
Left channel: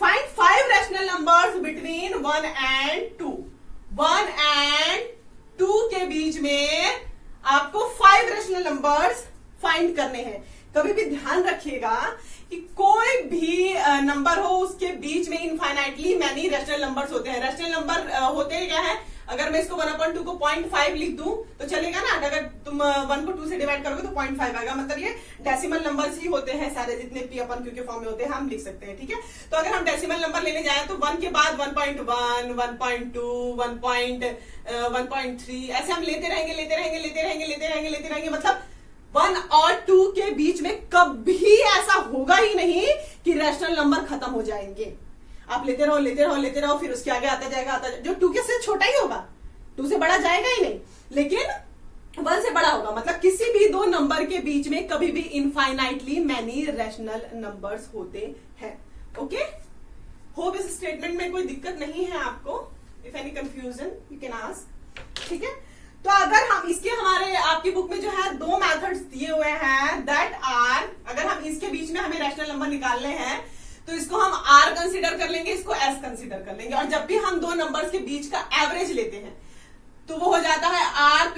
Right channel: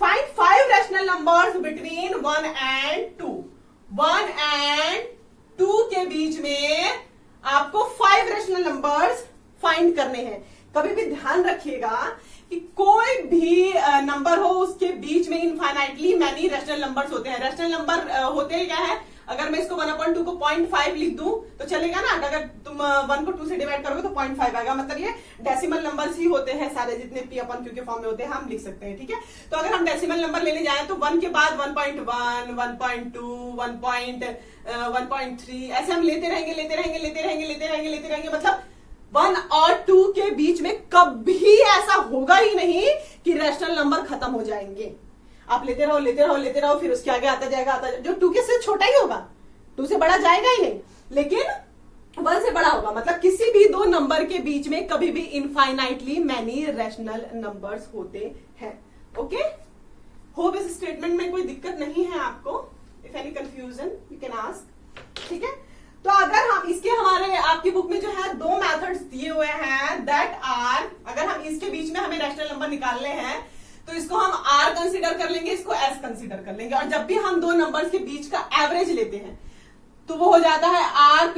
find 5 rational numbers between 1 and 2। 1 and 2 के बीच में आपको 5 रैशनल नंबर्स फाइंड करने हैं। कभी भी ध्यान रखिएगा कि कोई भी नंबर हो उसके बीच में इनफाइनाइटली मैनी रैशनल नंबर्स होते हैं। रैशनल नंबर होते क्या है, अगर मैं इसको 1/2 को 0.5 लिख दूं तो चलेगा ना, अगर तुम 1 को 2 से डिवाइड करोगे तो 0.5 आएगा, मतलब ये डेसिमल नंबर्स ही होते हैं सारे, जितने P/Q के फॉर्म में होते हैं हम लिख सकते हैं। ठीक है, तो अगर हम डेसिमल नंबर लेने जाएं तो 1 के बाद 1.1, 1.2, 1.3 ऐसे हम लेते रहेंगे, मतलब 1 और 2 के बीच में कभी ऐसा होगा ही नहीं कि रैशनल नंबर खत्म हो जाएंगे। आप लेते रहो, फिर उसके आगे आता जाएगा, जो 2 के से छोटा ही होगा, 2 से बड़ा जाएगा ही नहीं, लेकिन 1 से बड़ा होगा। मतलब किसी भी 2 नंबर के बीच में कभी भी इनफाइनाइटली मैनी रैशनल नंबर्स होते हैं। ओके, होप इस स्टेटमेंट में कोई दिक्कत नहीं है आपको। If any confusion you can ask. ठीक है, तो अगर हम इसके हमारे आपकी बुक में जो है 2 मेथड्स दिए हुए हैं, दैट आर, अगर हम इसके बीच में हमें रैशनल नंबर निकालने हैं तो इसको हम R कंसीडर कर लेंगे, इसको S कंसीडर कर लेंगे, और जब भी हम 2 नंबर्स के बीच का एवरेज लेते हैं तो वो हो जाता है R +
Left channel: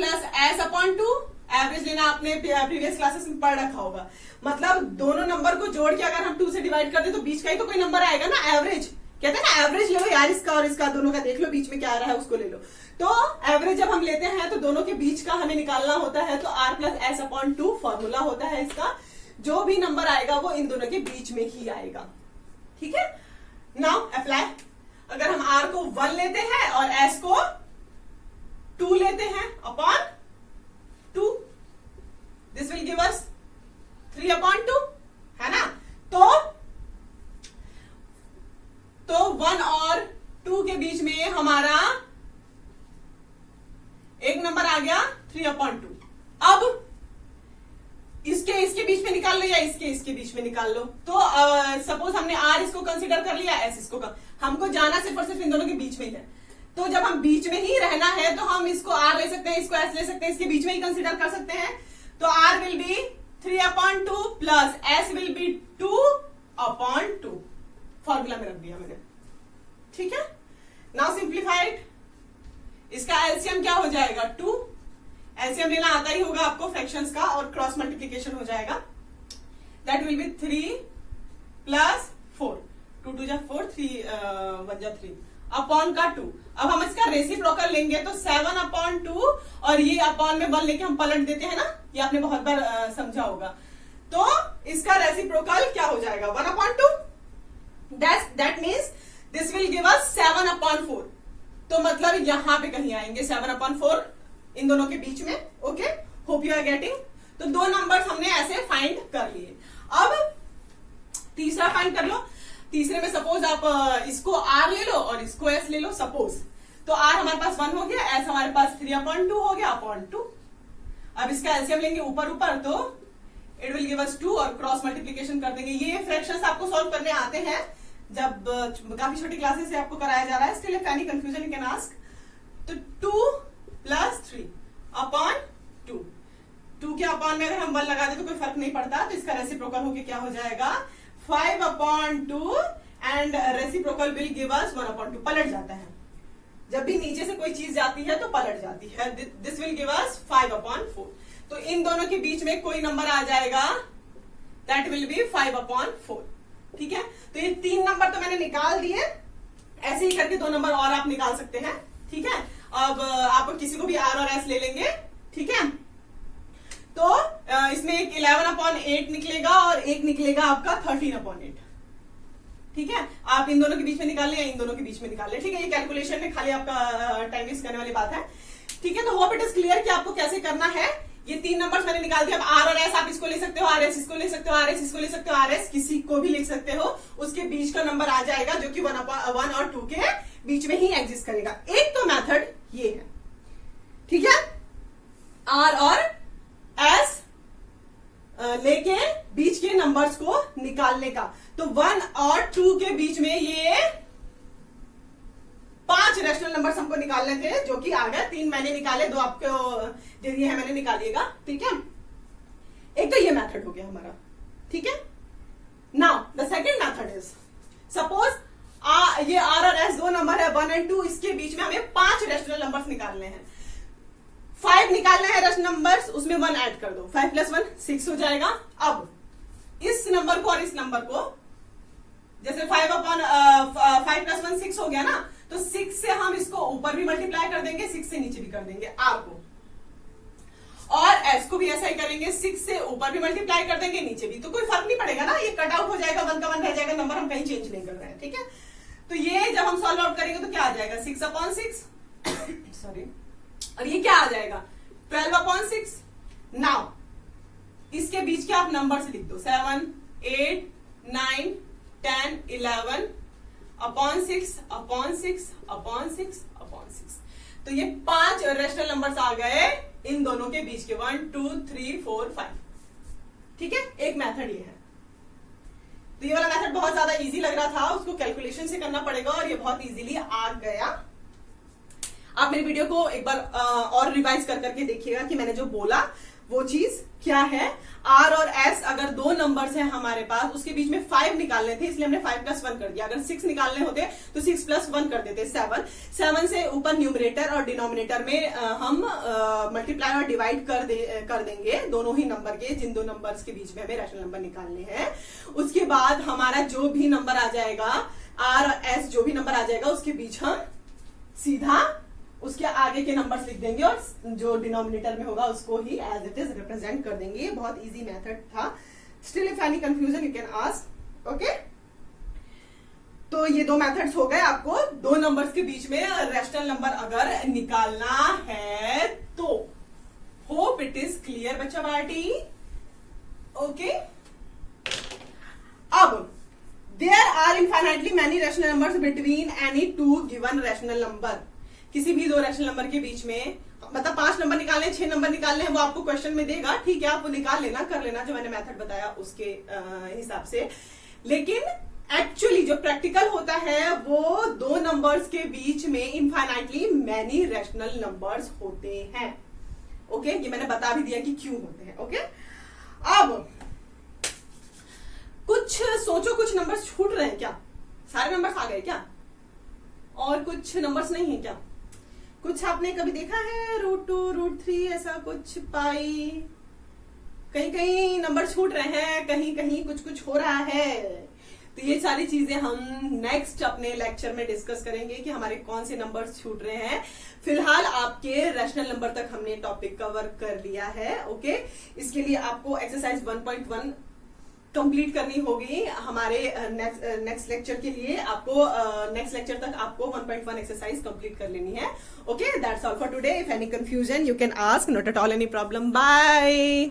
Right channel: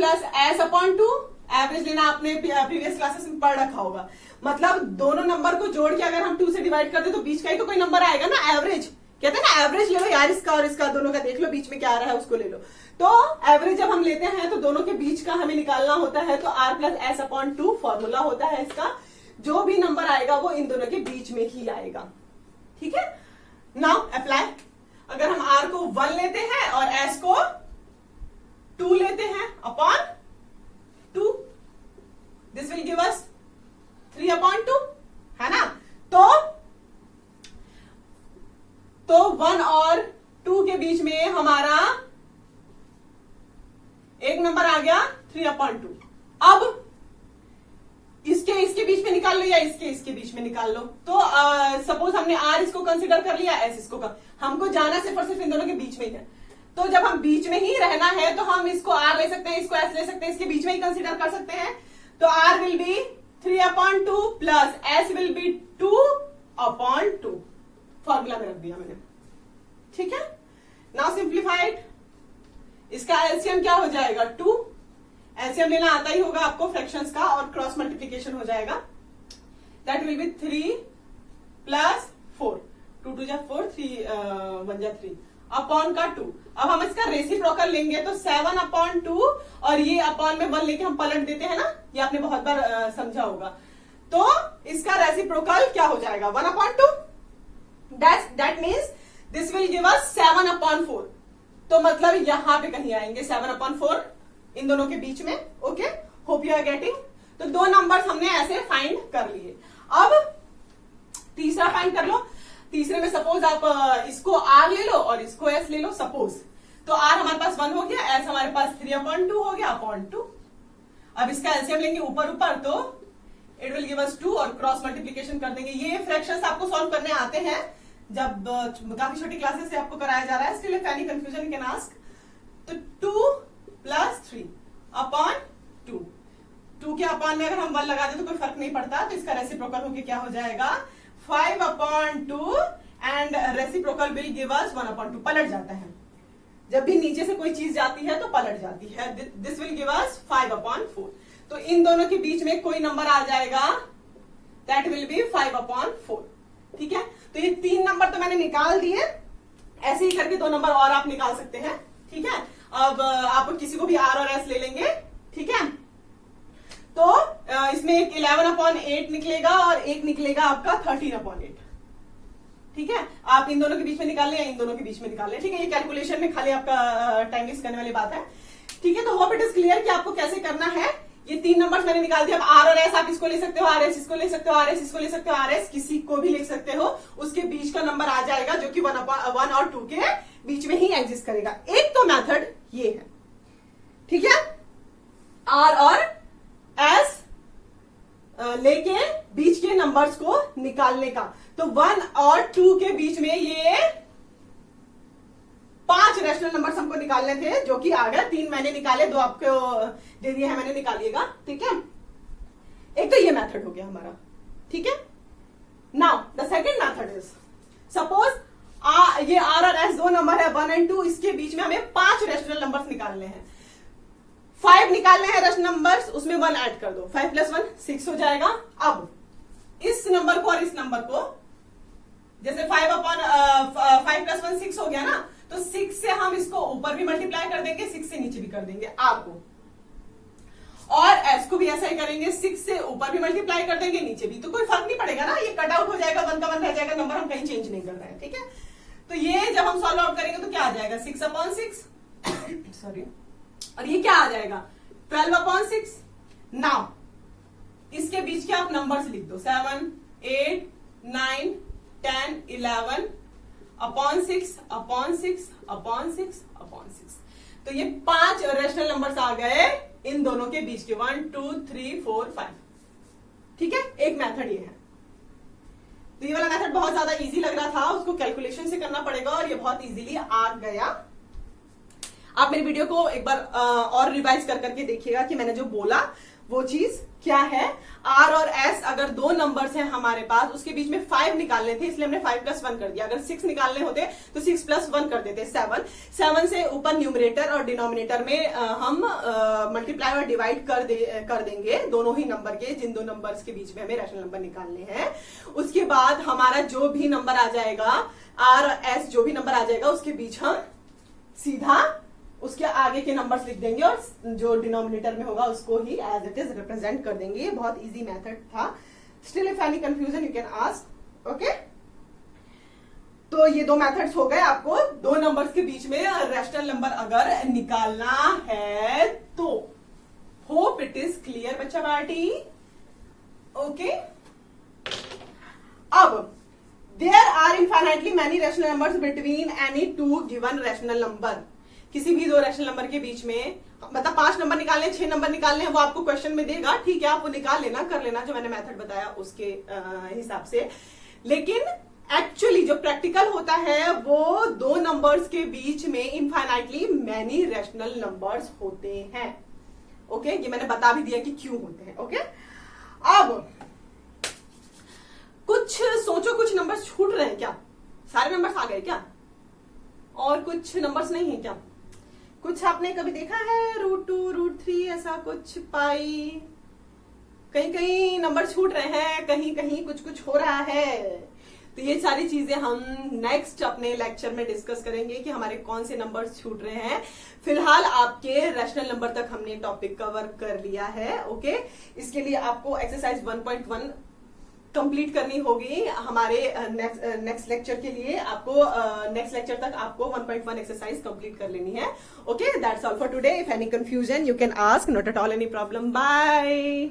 S/2। एवरेज लेना आपने प्रीवियस क्लासेस में पढ़ रखा होगा, मतलब दोनों नंबर को जोड़ के अगर हम 2 से डिवाइड कर दे तो बीच का ही तो कोई नंबर आएगा ना, एवरेज। कहते हैं ना एवरेज ले लो यार, इसका और इसका दोनों का देख लो, बीच में क्या आ रहा है उसको ले लो। तो एवरेज जब हम लेते हैं तो दोनों के बीच का हमें निकालना होता है, तो R + S/2 फॉर्मूला होता है इसका। जो भी नंबर आएगा वो इन दोनों के बीच में ही आएगा। ठीक है, नाउ अप्लाई। अगर हम R को 1 लेते हैं और S को 2 लेते हैं upon 2, this will give us 3/2, है ना। तो 1 और 2 के बीच में हमारा एक नंबर आ गया 3/2। अब इसके बीच में निकाल लो या इसके बीच में निकाल लो। तो सपोज हमने r इसको कंसीडर कर लिया, s इसको हमको जाना सिर्फ और सिर्फ इन दोनों के बीच में ही है। तो जब हम बीच में ही रहना है तो हम इसको r ले सकते हैं, इसको s ले सकते हैं, इसके बीच में ही कंसीडर कर सकते हैं। तो r will be 3/2 plus s will be 2/2। Formula में रख दिया मैंने, ठीक है। नाउ सिंप्लीफाइड, इसका एलसीएम क्या हो जाएगा 2। एलसीएम लेना आता ही होगा आपको फ्रैक्शंस का, और क्रॉस मल्टीप्लीकेशन हो जाएगा। दैट विल बी 3 प्लस 4, 2 2 जा 4, 3 1 जा 3 अपॉन का 2। अब हम इसका रेसिप्रोकल लेंगे तो 7/2, और ये अपॉन में 1 लेके हम पलट देते हैं ना, ये आपने बहुत बार समझा होगा। तो इसका रेसिप्रोकल क्या हो जाएगा 1/2। That means this will give us 7/4। तो मतलब यहां पे कहीं आएंगे 7/4 इन दोनों के बीच में। Okay, hope you are getting. तो 2 नंबर्स हमने ऐसे फाइंड कर लिए। अब तीसरा फाइंड कर लो। तीसरे में सपोज आप इसको r ले लो और इसको s ले लो सपोज। तो r हमारे पास 1 हो गया, s हमारे पास 3/2 हो गया .2। अब इसका एलसीएम लेंगे ऊपर तो इट विल गिव अस 2, और क्रॉस मल्टीप्लीकेशन कर देंगे। ये फ्रैक्शंस आपको सॉल्व करने आते हैं, जब काफी छोटी क्लासेस से आपको कराया जा रहा है। Still if any confusion you can ask. तो 2 प्लस 3/2। 2 के अपॉन में अगर हम 1 लगा दे तो कोई फर्क नहीं पड़ता। तो इसका रेसिप्रोकल होके क्या हो जाएगा 5/2, and reciprocal will give us 1/2। पलट जाता है, जब भी नीचे से कोई चीज जाती है तो पलट जाती है। This will give us 5/4। तो इन दोनों के बीच में कोई नंबर आ जाएगा, दैट विल बी 5/4, ठीक है। तो ये 3 नंबर तो मैंने निकाल दिए। ऐसे ही करके 2 नंबर और आप निकाल सकते हैं, ठीक है। अब आप किसी को भी r और s ले लेंगे, ठीक है। तो इसमें एक 11/8 निकलेगा और एक निकलेगा आपका 13/8, ठीक है। आप इन दोनों के बीच में निकाल लें या इन दोनों के बीच में निकाल लें, ठीक है। ये कैलकुलेशन में खाली आपका टाइम वेस्ट करने वाली बात है, ठीक है। तो होप इट इज क्लियर कि आपको कैसे करना है। ये 3 नंबर्स मैंने निकाल दिया। अब r और s आप इसको ले सकते हो, r s इसको ले सकते हो, r s इसको ले सकते हो, r s किसी को भी ले सकते हो। उसके बीच का नंबर आ जाएगा जो कि 1 और 2 के बीच में ही एग्जिस्ट करेगा। एक तो मेथड ये है, ठीक है, r और s लेके बीच के नंबर्स को निकालने का। तो 1 और 2 के बीच में ये 5 रैशनल नंबर्स हमको निकालने थे, जो कि आ गए। 3 मैंने निकाले, 2 आपको दे दिए हैं मैंने, निकालिएगा, ठीक है। एक तो ये मेथड हो गया हमारा, ठीक है। Now the second method is, suppose ये r और s 2 नंबर है 1 और 2, इसके बीच में हमें 5 रैशनल नंबर्स निकालने हैं। 5 निकालने हैं रैशनल नंबर्स, उसमें 1 ऐड कर दो, 5 + 1 6 हो जाएगा। अब इस नंबर को और इस नंबर को, जैसे 5 + 1 6 हो गया ना, तो 6 से हम इसको ऊपर भी मल्टीप्लाई कर देंगे, 6 से नीचे भी कर देंगे r को, और s को भी ऐसा ही करेंगे, 6 से ऊपर भी मल्टीप्लाई कर देंगे, नीचे भी। तो कोई फर्क नहीं पड़ेगा ना, ये कट आउट हो जाएगा, 1 का 1 रह जाएगा, नंबर हम कहीं चेंज नहीं कर रहे हैं, ठीक है। तो ये जब हम सॉल्व आउट करेंगे तो क्या आ जाएगा 6/6 सॉरी, और ये क्या आ जाएगा 12/6। नाउ इसके बीच के आप नंबर्स लिख दो, 7 8 9 10 11 अपॉन 6/6/6/6। तो ये 5 रेशनल नंबर्स आ गए इन दोनों के बीच के, 1 2 3 4 5, ठीक है। एक मेथड ये है। तो ये वाला मेथड बहुत ज्यादा इजी लग रहा था, उसको कैलकुलेशन से करना पड़ेगा, और ये बहुत इजीली आ गया। आप मेरी वीडियो को एक बार और रिवाइज करके देखिएगा कि मैंने जो बोला वो चीज क्या है। r और s अगर 2 नंबर्स हैं हमारे पास, उसके बीच में 5 निकालने थे, इसलिए हमने 5 + 1 कर दिया। अगर 6 निकालने होते तो 6 + 1 कर देते, 7। 7 से ऊपर न्यूमरेटर और डिनोमिनेटर में हम मल्टीप्लाई और डिवाइड कर देंगे दोनों ही नंबर के, जिन 2 नंबर्स के बीच में हमें रैशनल नंबर निकालने हैं। उसके बाद हमारा जो भी नंबर आ जाएगा, r और s जो भी नंबर आ जाएगा, उसके बीच हम सीधा उसके आगे के नंबर्स लिख देंगे, और जो डिनोमिनेटर में होगा उसको ही एज इट इज रिप्रेजेंट कर देंगे। ये बहुत इजी मेथड था। Still if any confusion you can ask, okay. तो ये 2 मेथड्स हो गए आपको 2 नंबर्स के बीच में रैशनल नंबर अगर निकालना है तो। होप इट इज क्लियर बच्चा पार्टी। ओके, अब there are infinitely many rational numbers between any two given rational number. किसी भी दो रैशनल नंबर के बीच में, मतलब 5 नंबर निकालने, 6 नंबर निकालने हैं, वो आपको क्वेश्चन में देगा, ठीक है, आप वो निकाल लेना, कर लेना जो मैंने मेथड बताया उसके हिसाब से। लेकिन एक्चुअली जो प्रैक्टिकल होता है वो दो नंबर्स के बीच में इनफाइनाइटली मैनी रैशनल नंबर्स होते हैं। ओके, ये मैंने बता भी दिया कि क्यों होते हैं। ओके, अब कुछ सोचो, कुछ नंबर्स छूट रहे हैं क्या? सारे नंबर्स आ गए क्या? और कुछ नंबर्स नहीं है क्या? कुछ आपने कभी देखा है √2, √3 ऐसा कुछ, पाई, कहीं कहीं नंबर छूट रहे हैं, कहीं कहीं कुछ कुछ हो रहा है। तो ये सारी चीजें हम नेक्स्ट अपने लेक्चर में डिस्कस करेंगे कि हमारे कौन से नंबर्स छूट रहे हैं। फिलहाल आपके रैशनल नंबर तक हमने टॉपिक कवर कर लिया है। ओके, इसके लिए आपको एक्सरसाइज 1.1 कंप्लीट करनी होगी। हमारे नेक्स्ट लेक्चर के लिए आपको नेक्स्ट लेक्चर तक आपको 1.1 एक्सरसाइज कंप्लीट कर लेनी है। Okay, that's all for today. If any confusion you can ask, not at all any problem. Bye.